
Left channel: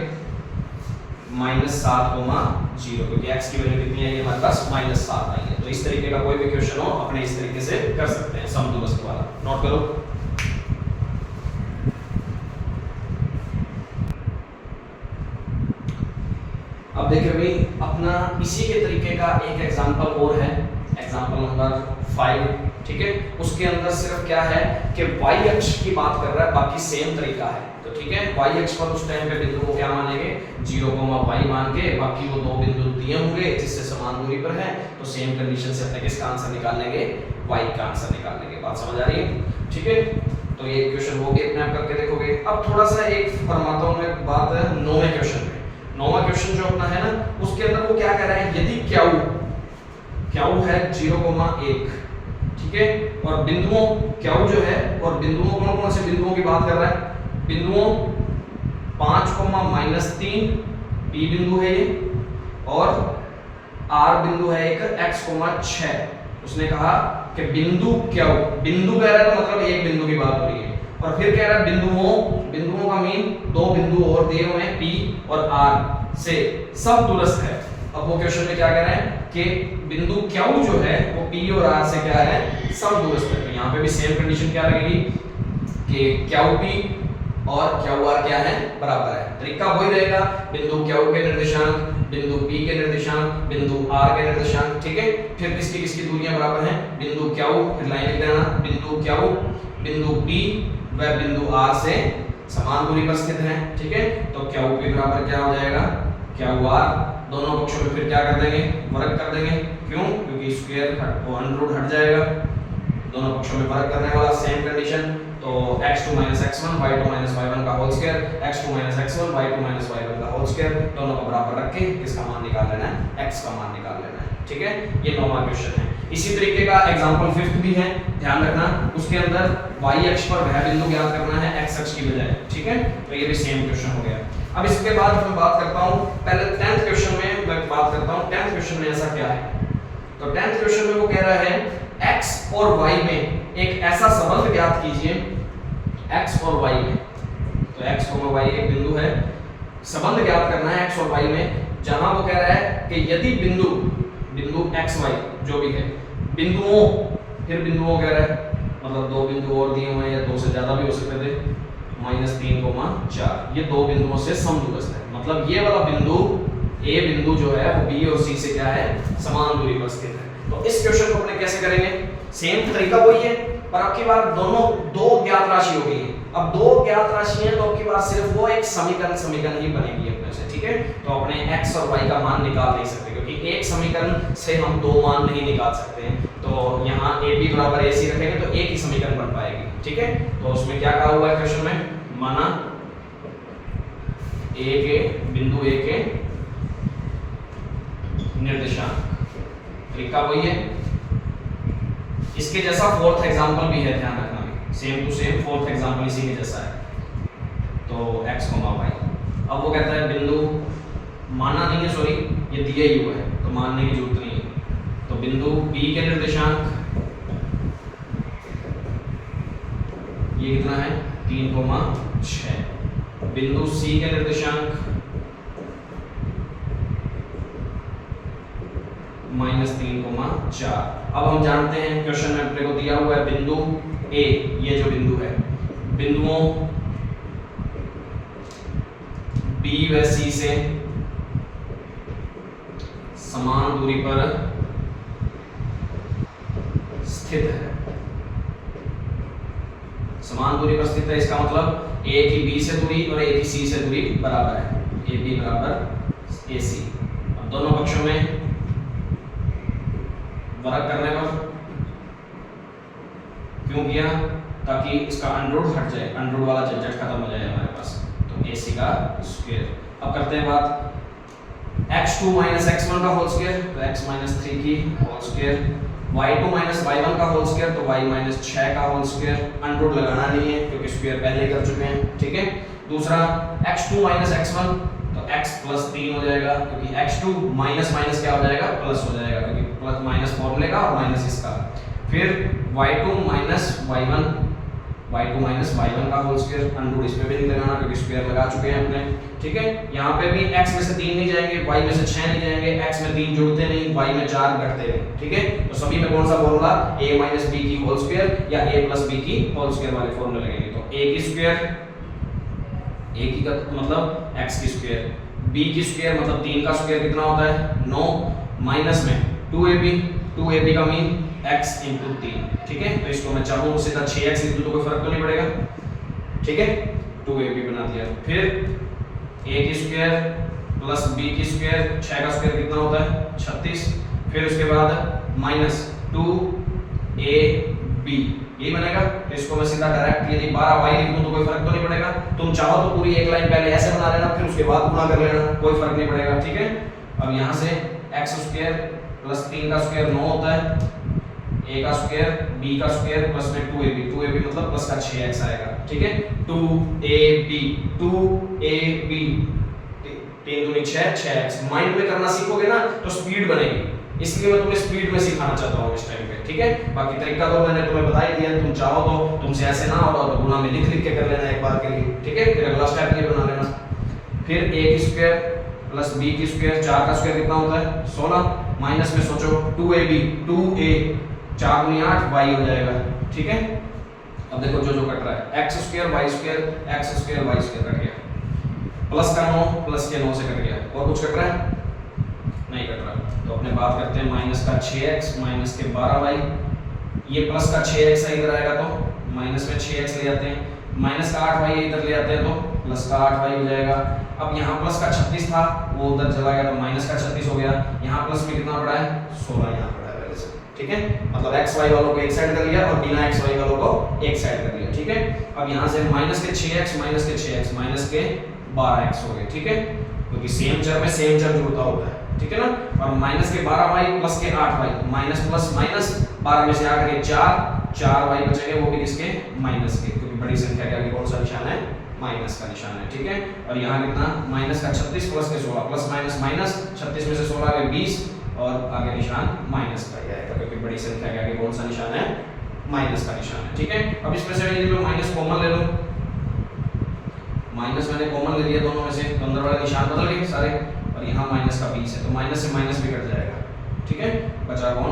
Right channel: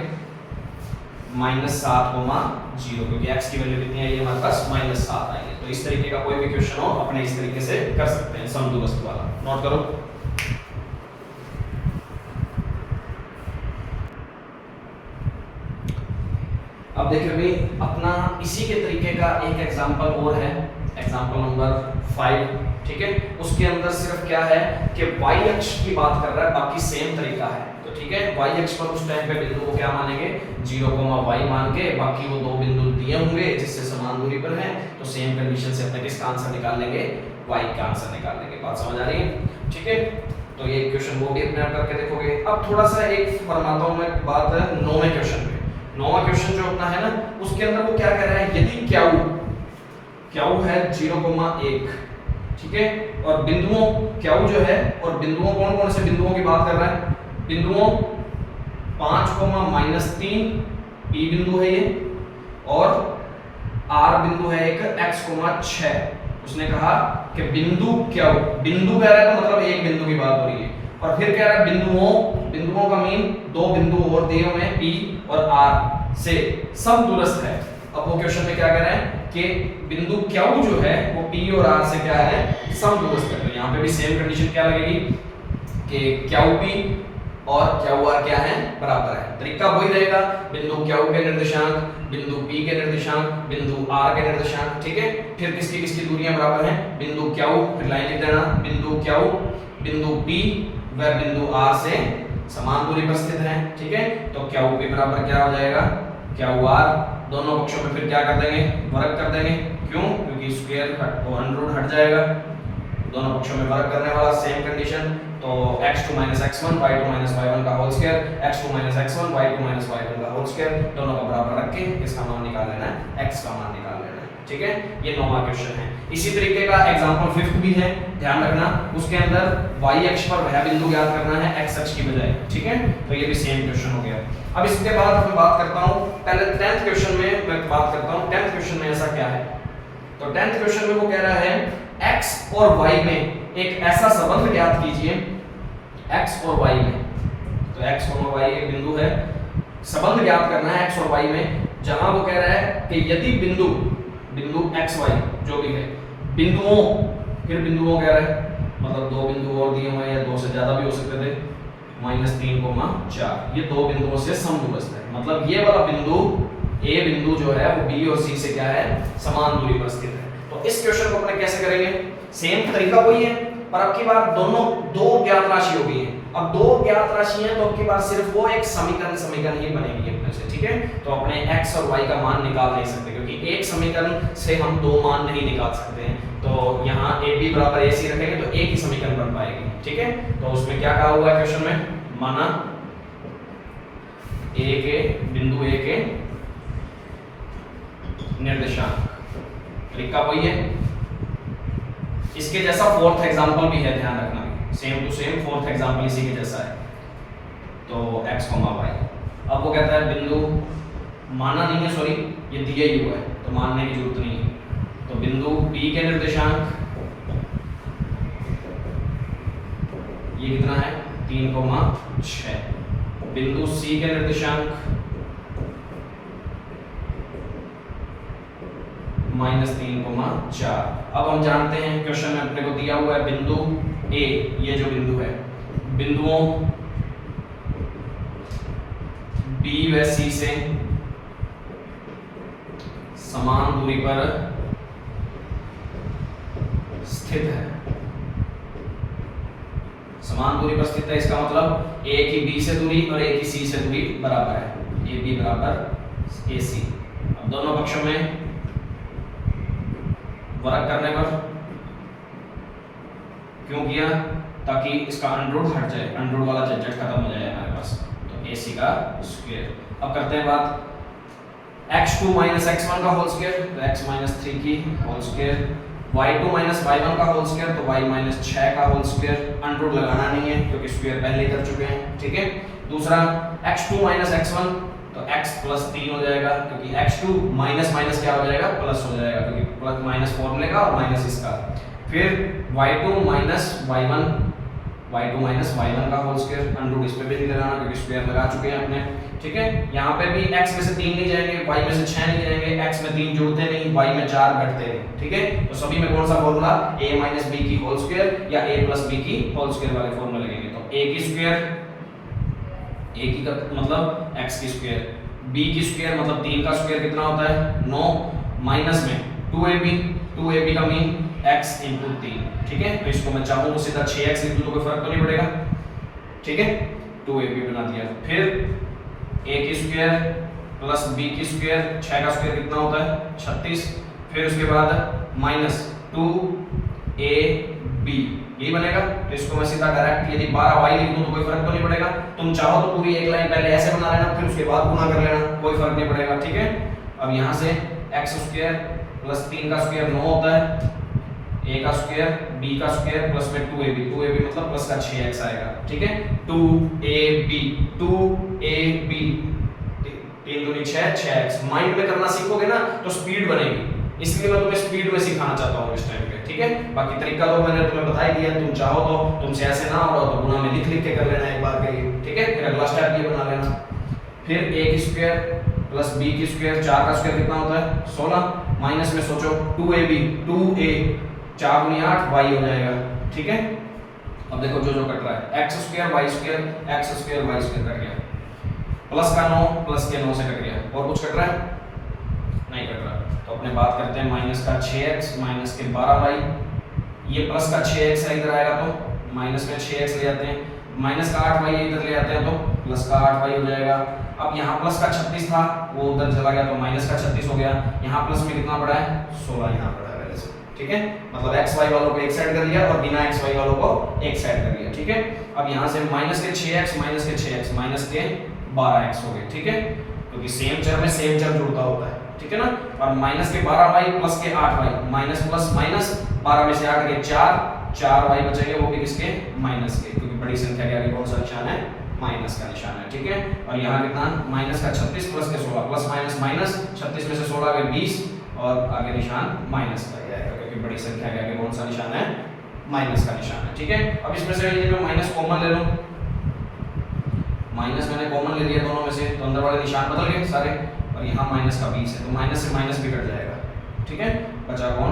-7, 0, क्योंकि x की वैल्यू कितनी आई है हमारे पास -7 आई है। तो इस तरीके का कोई भी क्वेश्चन हो अपने इस तरीके से कर सकते हैं, समदू वस्तु वाला। नोट करो। अब देखिए भाई, अपना इसी के तरीके का एक एग्जांपल और है, एग्जांपल नंबर 5। ठीक है। उसके अंदर सिर्फ क्या है कि y अक्ष की बात कर रहा है, बाकी सेम तरीका है। तो ठीक है, y अक्ष पर उस टाइम पे बिंदु को क्या मानेंगे 0, y मान के, बाकी वो 2 बिंदु दिए होंगे जिससे समान दूरी पर है, तो सेम कंडीशन से अपने किसका आंसर निकाल लेंगे y का आंसर निकाल लेंगे। बात समझ आ रही है? ठीक है। तो ये क्वेश्चन वो भी अपने आप करके देखोगे। अब थोड़ा सा एक फरमाता हूं मैं बात 9वें क्वेश्चन पे। 9वां क्वेश्चन जो अपना है ना, उसके अंदर वो क्या कह रहा है, यदि क्यू है 0,1, ठीक है, और बिंदुओं क्यू जो है, और बिंदुओं कौन कौन से बिंदुओं की बात कर रहा है, बिंदुओं 5,-3 P बिंदु है ये, और R बिंदु है एक x,6। उसने कहा कि बिंदु क्यू, बिंदु कह रहा है तो मतलब एक बिंदु की बात हो रही है, और फिर कह रहा है बिंदुओं का मीन 2 बिंदु और दिए हुए हैं P और R से सब दूरस्थ है। अब वो क्वेश्चन में क्या कह रहे हैं कि बिंदु क्यू जो है वो P और R से क्या है सब दूरस्थ है। तो यहाँ पे भी सेम कंडीशन क्या लगेगी कि क्यू P और क्यू R क्या है बराबर है। तरीका वही रहेगा, बिंदु क्यू के निर्देशांक, बिंदु P के निर्देशांक, बिंदु R के निर्देशांक। ठीक है। फिर किसकी दूरियां बराबर हैं, बिंदु क्यू, फिर लाइन लिख देना, बिंदु क्यू बिंदु P व बिंदु R से समान दूरी पर स्थित है। ठीक है। तो क्यू P बराबर क्या हो जाएगा क्यू R, दोनों पक्षों में फिर क्या कर देंगे वर्ग कर देंगे। क्यों? क्योंकि स्क्वायर को अंडर हट जाएगा, दोनों पक्षों में वर्ग करने वाला सेम कंडीशन। तो x2 - x1 y2 - y1 का whole square, x2 - x1 y2 - y1 का होल स्क्वायर, दोनों को बराबर रख के किसका मान निकाल लेना है, x का मान निकाल लेना है। ठीक है। ये 9वां क्वेश्चन है। इसी तरीके का एग्जांपल 5th भी है, ध्यान रखना। उसके अंदर y अक्ष पर वह बिंदु ज्ञात करना है x अक्ष की बजाय। ठीक है। तो ये भी सेम क्वेश्चन हो गया। अब इसके बाद मैं बात करता हूं, पहले 10th क्वेश्चन में मैं बात करता हूं 10th क्वेश्चन में ऐसा क्या है। तो 10th क्वेश्चन में वो कह रहा है x और y में एक ऐसा संबंध ज्ञात कीजिए, x और y में, तो x और y एक बिंदु है, संबंध ज्ञात करना है x और y में, जहां वो कह रहा है कि यदि बिंदु x y जो भी है, बिंदुओं कह रहा है, मतलब 2 बिंदु और दिए हुए हैं या 2 से ज्यादा भी हो सकते थे, -3,4, ये 2 बिंदुओं से समदूरस्थ है। मतलब ये वाला बिंदु A बिंदु जो है वो B और C से क्या है समान दूरी पर स्थित है। तो इस क्वेश्चन को अपने कैसे करेंगे, सेम तरीका वही है, पर अब की बार दोनों दो ज्ञात राशि हो गई है। अब दो ज्ञात राशि है तो अब की बार सिर्फ वो एक समीकरण ही बनेगी अपने से, ठीक है। तो अपने x और y का मान निकाल नहीं सकते क्योंकि एक समीकरण से हम दो मान नहीं निकाल सकते हैं। तो यहाँ AB बराबर AC रखेंगे तो एक ही समीकरण बन पाएगी, ठीक है। तो उसमें क्या कहा हुआ है क्वेश्चन में, माना बिंदु A के निर्देशांक, तरीका वही है। इसके जैसा फोर्थ एग्जांपल भी है, ध्यान रखना, same to same fourth example इसी के जैसा है। तो x, y, अब वो कहता है बिंदु, माना नहीं है, सॉरी ये दिया ही हुआ है तो मानने की जरूरत नहीं है। तो बिंदु B के निर्देशांक ये कितना है 3,6, बिंदु C के निर्देशांक -3,4। अब हम जानते हैं क्वेश्चन में अपने को दिया हुआ है बिंदु A, ये जो बिंदु है, बिंदुओं B व C से समान दूरी पर स्थित है। समान दूरी पर स्थित है इसका मतलब A की B से दूरी और A की C से दूरी बराबर है, AB बराबर AC। अब दोनों पक्षों में वर्ग करने पर क्यों किया, ताकि इसका अंडररूट हट जाए, अंडररूट वाला झंझट खत्म हो जाए हमारे पास। तो AC का स्क्वायर। अब करते हैं बात x2 - x1 का होल स्क्वायर, तो x - 3 की होल स्क्वायर, y2 - y1 का होल स्क्वायर, तो y - 6 का होल स्क्वायर। अंडररूट लगाना नहीं है क्योंकि स्क्वायर पहले कर चुके हैं, ठीक है। दूसरा x2 - x1, तो x + 3 हो जाएगा क्योंकि x2 माइनस माइनस क्या हो जाएगा, प्लस हो जाएगा क्योंकि प्लस माइनस फॉर्मूले का और माइनस इसका। फिर y2 - y1 का होल स्क्वायर, अंडररूट इसमें भी नहीं लगाना क्योंकि स्क्वायर लगा चुके हैं अपने, ठीक है। यहाँ पे भी x में से 3 नहीं जाएंगे, y में से 6 नहीं जाएंगे, x में 3 जुड़ते नहीं, y में 4 घटते नहीं, ठीक है। तो सभी में कौन सा फॉर्मूला, a - b की होल स्क्वायर या a + b की होल स्क्वायर वाले फॉर्मूले लगेंगे। तो a की स्क्वायर, a की का मतलब x की स्क्वायर, b की स्क्वायर मतलब 3 का स्क्वायर कितना होता है 9, माइनस में 2ab का मीन x × 3, ठीक है। तो इसको मैं चाहूँ तो सीधा 6x लिख दूं तो कोई फर्क तो नहीं पड़ेगा, ठीक है। 2ab बना दिया। फिर a की स्क्वायर प्लस b की स्क्वायर, 6 का स्क्वायर कितना होता है 36। फिर उसके बाद माइनस 2ab, यही बनेगा। तो इसको मैं सीधा डायरेक्ट यदि 12y लिख दूं तो कोई फर्क तो नहीं पड़ेगा। तुम चाहो तो पूरी एक लाइन पहले ऐसे बना लेना, फिर उसके बाद गुणा कर लेना, कोई फर्क नहीं पड़ेगा, ठीक है। अब यहाँ से x² + 3 का स्क्वायर 9 होता है, a का स्क्वायर b का स्क्वायर प्लस में 2ab मतलब प्लस का 6x आएगा, ठीक है। 2ab 3 दूनी 6x। माइंड में करना सीखोगे ना तो स्पीड बनेगी, इसलिए मैं तुम्हें स्पीड में सिखाना चाहता हूँ इस टाइम पे, ठीक है। बाकी तरीका तो मैंने तुम्हें बता ही दिया है, तुम चाहो तो तुमसे ऐसे ना हो तो गुणा में लिख के कर लेना एक बार के लिए, ठीक है। फिर अगला स्टेप ये बना लेना। फिर a की स्क्वायर प्लस b की स्क्वायर, 4 का स्क्वायर कितना होता है 16, माइनस में सोचो 2a 4 × 8 y हो जाएगा, ठीक है। अब देखो जो कट रहा है x² y² कट गया, प्लस का 9 प्लस के 9 से कट गया, और कुछ कट रहा है नहीं कट रहा। तो अपने बात करते हैं माइनस का 6x माइनस के 12y, ये प्लस का 6x है इधर आएगा तो माइनस में 6x ले आते हैं, माइनस का 8y इधर ले आते हैं तो प्लस का 8y हो जाएगा। अब यहाँ प्लस का 36 था वो उधर चला गया तो माइनस का 36 हो गया। यहाँ प्लस में कितना पड़ा है 16 यहाँ पड़ा है पहले से, ठीक है। मतलब xy वालों को एक साइड कर लिया और बिना xy वालों को एक साइड कर लिया, ठीक है। अब यहाँ से माइनस के 6x माइनस के 12x हो गए, ठीक है, क्योंकि सेम चर में सेम चर जुड़ता होता है, ठीक है ना। और माइनस के 12y प्लस के 8y, माइनस प्लस माइनस 12 में से 8 गए 4y बचेंगे, वो भी किसके माइनस के, क्योंकि बड़ी संख्या के आगे कौन सा निशान है माइनस का निशान है, ठीक है। और यहाँ कितना माइनस का 36 प्लस के 16, प्लस माइनस माइनस 36 में से 16 गए 20 और आगे निशान माइनस का ही आएगा क्योंकि बड़ी संख्या के आगे कौन सा निशान है माइनस का निशान है, ठीक है। अब इसमें से यदि मैं माइनस कॉमन ले लूं, माइनस मैंने कॉमन ले लिया दोनों में से, तो अंदर वाले निशान बदल गए सारे, और यहाँ माइनस का 20 है तो माइनस से माइनस भी कट जाएगा, ठीक है। बचा कौन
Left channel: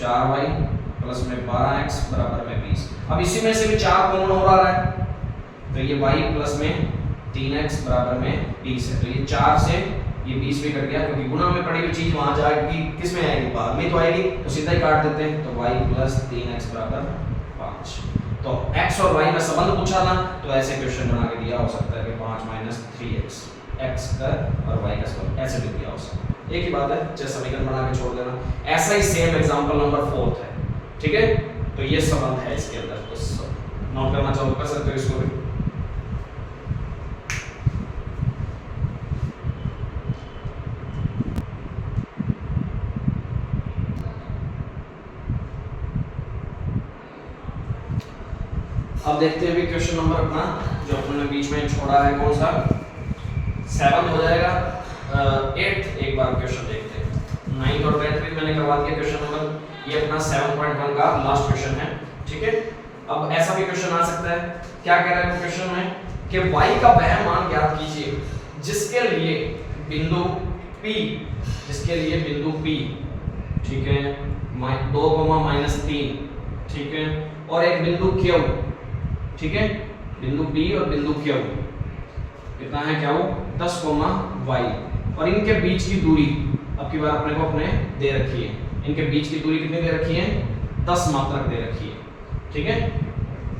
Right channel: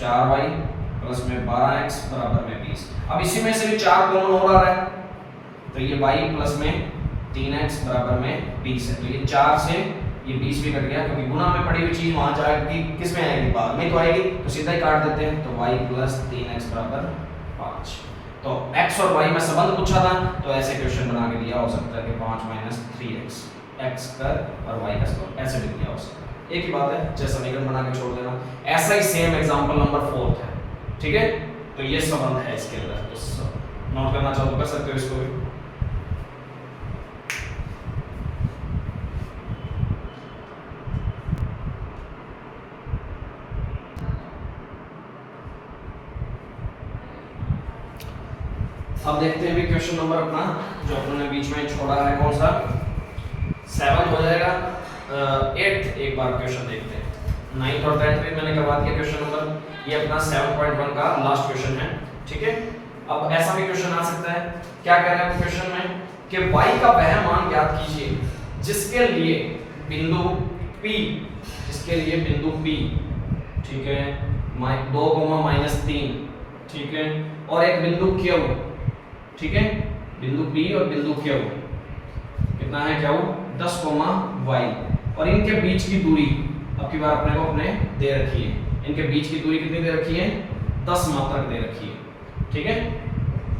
4y प्लस में 12x बराबर में 20। अब इसी में से भी 4 कॉमन हो रहा है तो ये y प्लस में 3x बराबर में 20 है, तो ये 4 से ये 20 भी कट गया क्योंकि गुणा में पड़ी हुई चीज वहां जाएगी किस में आएगी भाग में तो आएगी, तो सीधा ही काट देते हैं। तो y प्लस 3x बराबर 5। तो x और y में संबंध पूछा था, तो ऐसे क्वेश्चन बना के दिया हो सकता है कि 5 माइनस 3x, x स्क्वायर और y का स्क्वायर, ऐसे भी दिया हो सकता है। एक ही बात है, जैसे समीकरण बना के छोड़ देना। ऐसा ही सेम एग्जांपल नंबर 4 है, ठीक है। तो ये संबंध है इसके अंदर, तो नोट करना चाहो तो कर सकते हो इसको भी। अब देखते हैं भी क्वेश्चन नंबर अपना जो अपने बीच में छोड़ा है, कौन सा 7 हो जाएगा। 8th एक बार क्वेश्चन देखते हैं। 9th और 10th भी मैंने करवा दिया क्वेश्चन नंबर, ये अपना 7.1 का लास्ट क्वेश्चन है, ठीक है। अब ऐसा भी क्वेश्चन आ सकता है, क्या कह रहा है क्वेश्चन में कि y का वह मान ज्ञात कीजिए जिसके लिए बिंदु P, जिसके लिए बिंदु P, ठीक है, 2, -3, ठीक है, और एक बिंदु Q, ठीक है, बिंदु P और बिंदु Q कितना है Q 10, y, और इनके बीच की दूरी अब की बार अपने को अपने दे रखी है, इनके बीच की दूरी कितनी दे रखी है 10 मात्रक दे रखी है, ठीक है।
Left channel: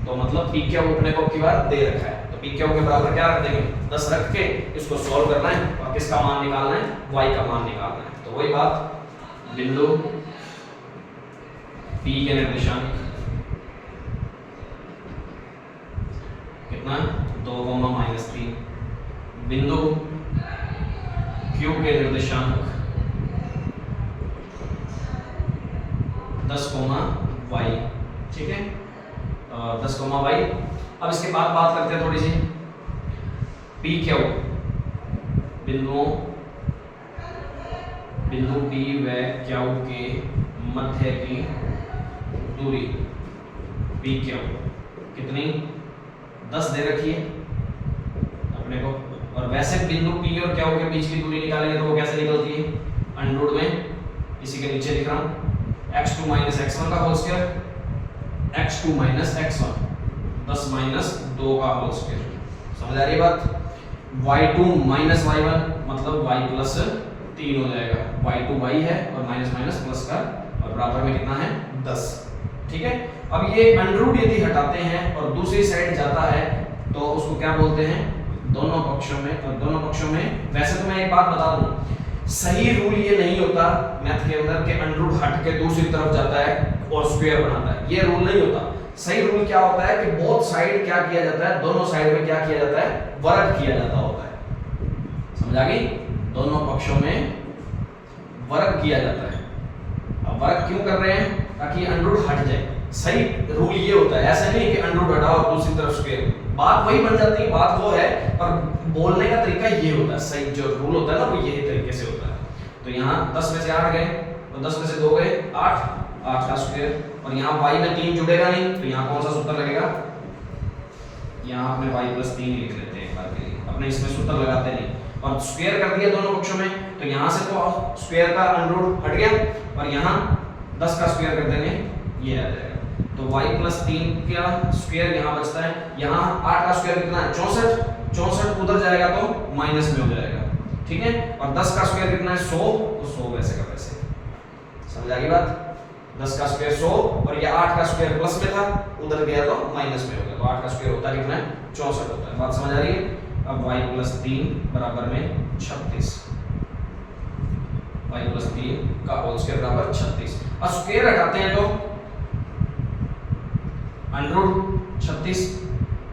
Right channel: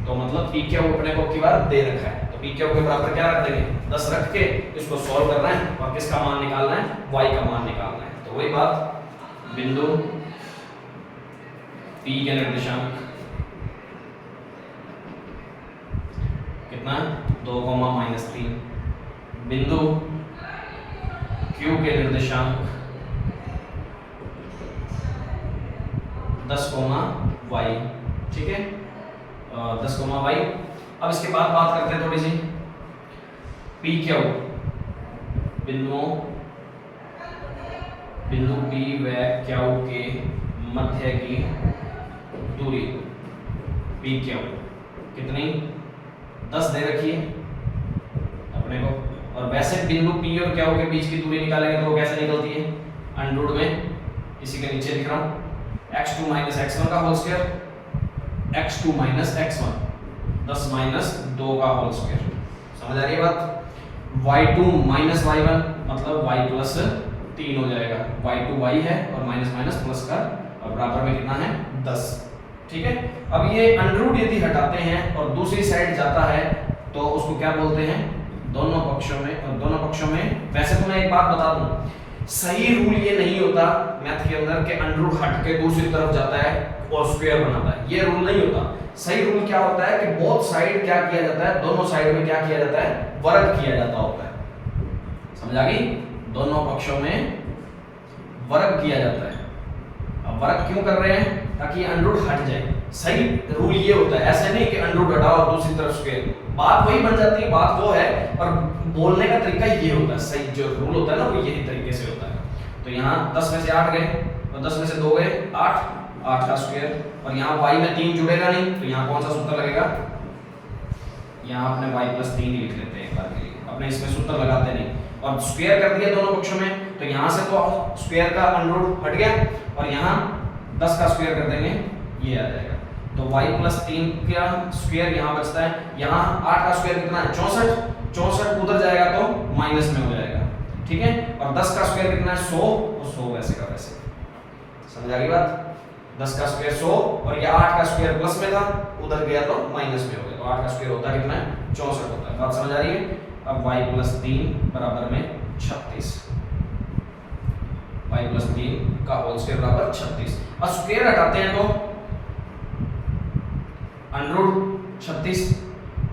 तो मतलब PQ अपने को अब की बार दे रखा है, तो PQ के बराबर क्या रख देंगे 10 रख के इसको सॉल्व करना है और किसका मान निकालना है y का मान निकालना है। तो वही बात, बिंदु P के निर्देशांक कितना 2, -3, बिंदु Q के निर्देशांक 10, y, ठीक है, 10, y। अब इसके बाद बात करते हैं थोड़ी सी PQ बिंदु P व Q के मध्य की दूरी PQ कितनी 10 दे रखी है अपने को, और वैसे बिंदु P और Q के बीच की दूरी निकालेंगे तो वो कैसे निकलती है अंडर में, इसी के नीचे लिख रहा हूं x2 - x1 का होल स्क्वायर, x2 - x1 10 - 2 का होल स्क्वायर। समझ आ रही है बात। y2 - y1 मतलब y + 3 हो जाएगा, y2 y है और माइनस प्लस का और बराबर में कितना है 10, ठीक है। अब ये अंडर यदि हटाते हैं और दूसरी साइड जाता है तो उसको क्या बोलते हैं दोनों पक्षों में, और दोनों पक्षों में वैसे तो मैं एक बात बता दूं, सही रूल ये नहीं होता मैथ के अंदर के अंडर हट के दूसरी तरफ जाता है और स्क्वायर बनाता है, ये रूल नहीं होता। सही रूल क्या होता है कि बोथ साइड क्या किया जाता है, दोनों साइड में क्या किया जाता है वर्ग किया जाता होता है। समझ आ गई, दोनों पक्षों में वर्ग किया जाता है। अब वर्ग क्यों कर रहे हैं ताकि अंडर हट जाए, सही रूल ये होता है, ऐसे नहीं कि अंडर हटाओ और दूसरी तरफ स्क्वायर, बात वही बन जाती है, बात वो है पर बोलने का तरीका ये होता है, सही जो रूल होता है ना वो यही तरीके से होता है। तो यहाँ 10 में से 8 गए और 10 में से 2 गए 8 का स्क्वायर, और यहाँ y में 3 जुड़ेगा नहीं तो यहाँ कौन सा सूत्र लगेगा, यहाँ अपने y + 3 ही लिख लेते हैं एक बार के लिए, अपने इसमें सूत्र लगाते नहीं, और स्क्वायर कर दिया दोनों पक्षों में तो यहाँ से तो स्क्वायर का अंडर हट गया और यहाँ 10 का स्क्वायर कर देंगे ये आ जाएगा, तो y + 3 का स्क्वायर यहाँ बचता है, यहाँ 8 का स्क्वायर कितना है 64 उधर जाएगा तो माइनस में हो जाएगा, ठीक है, और 10 का स्क्वायर कितना है 100, तो 100 वैसे का वैसे। समझ आ गई बात, 10 का स्क्वायर 100 और ये 8 का स्क्वायर प्लस में था उधर गया तो माइनस में हो गया, तो 8 का स्क्वायर होता है कितना है 64 होता है। बात समझ आ रही है। अब y + 3 बराबर में 36, y + 3 का होल स्क्वायर बराबर 36, और स्क्वायर हटाते हैं तो अंडर 36,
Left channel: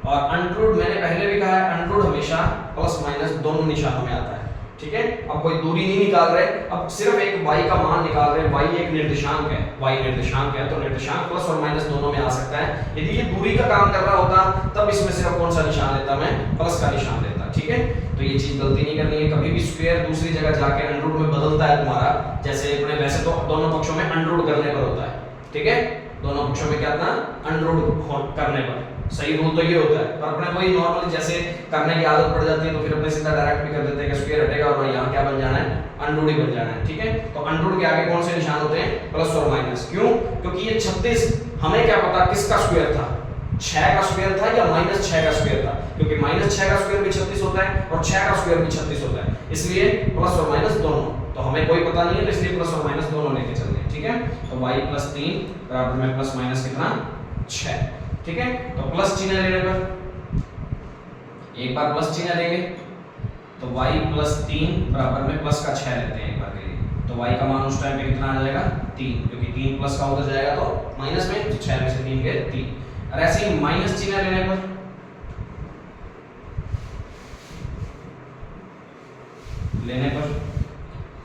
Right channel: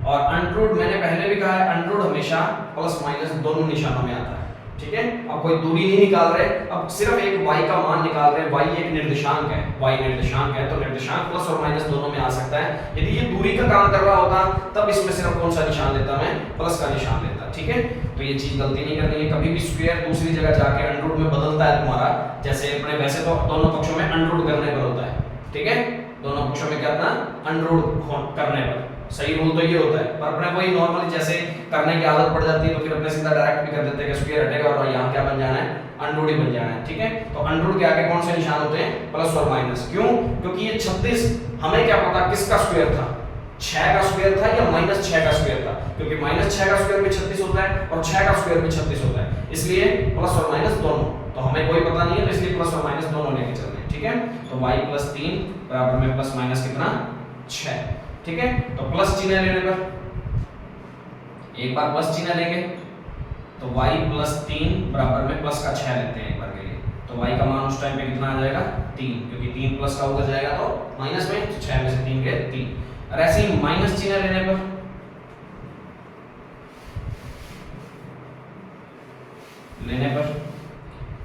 और अंडर मैंने पहले भी कहा है अंडर हमेशा प्लस माइनस दोनों निशानों में आता है, ठीक है। अब कोई दूरी नहीं निकाल रहे, अब सिर्फ एक y का मान निकाल रहे हैं, y एक निर्देशांक है, y निर्देशांक है तो निर्देशांक प्लस और माइनस दोनों में आ सकता है। यदि ये दूरी का काम कर रहा होता तब इसमें सिर्फ कौन सा निशान लेता, मैं प्लस का निशान लेता, ठीक है। तो ये चीज गलती नहीं करनी है, कभी भी स्क्वायर दूसरी जगह जाके अंडर में बदलता है तुम्हारा, जैसे अपने वैसे तो दोनों पक्षों में अंडर करने पर होता है, ठीक है, दोनों पक्षों में क्या था अंडर करने पर, सही रूल तो ये होता है, पर अपने कोई नॉर्मली जैसे करने की आदत पड़ जाती है तो फिर अपने सीधा डायरेक्ट भी कर देते हैं कि स्क्वायर हटेगा और यहाँ क्या बन जाना है अंडर ही बन जाना है, ठीक है। तो अंडर के आगे कौन से निशान होते हैं प्लस और माइनस, क्यों, क्योंकि ये 36 हमें क्या पता किसका स्क्वायर था, 6 का स्क्वायर था या -6 का स्क्वायर था, क्योंकि -6 का स्क्वायर भी 36 होता है और 6 का स्क्वायर भी 36 होता है, इसलिए प्लस और माइनस दोनों, तो हमें कोई पता नहीं है तो इसलिए प्लस और माइनस दोनों लेके चलते हैं, ठीक है। तो y + 3 बराबर में प्लस माइनस कितना 6, ठीक है। तो प्लस चिन्ह लेने पर एक बार प्लस चिन्ह लेंगे तो y प्लस 3 बराबर में प्लस का 6 लेते हैं एक बार के लिए, तो y का मान उस टाइम पे कितना आ जाएगा 3, क्योंकि 3 प्लस का उधर जाएगा तो माइनस में, तो 6 में से 3 गए 3। और ऐसे ही माइनस चिन्ह लेने पर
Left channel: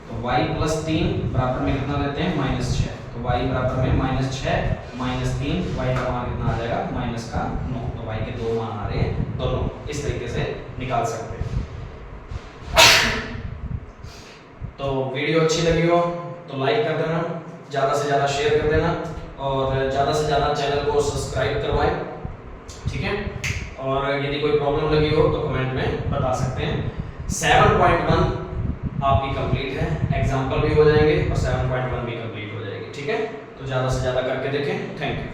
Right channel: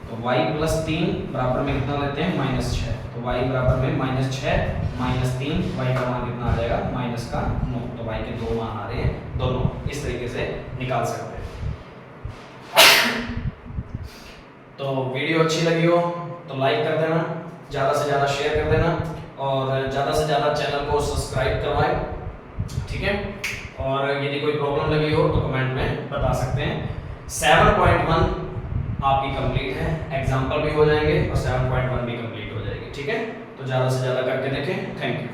तो y प्लस 3 बराबर में कितना लेते हैं -6, तो y बराबर में -6 माइनस 3, y का मान कितना आ जाएगा माइनस का 9, तो y के दो मान आ रहे हैं दोनों, इस तरीके से निकाल सकते हैं। तो वीडियो अच्छी लगी हो तो लाइक कर देना, ज़्यादा से ज़्यादा शेयर कर देना और ज़्यादा से ज़्यादा चैनल को सब्सक्राइब करवाएं, ठीक है। और यदि कोई प्रॉब्लम लगी हो तो कमेंट में बता सकते हैं। 7.1 आपकी कंप्लीट है, एग्जाम्पल भी हो जाएंगे और 7.1 भी कंप्लीट हो जाएगी, ठीक है। तो ज़्यादा से ज़्यादा करके देखें। Thank you.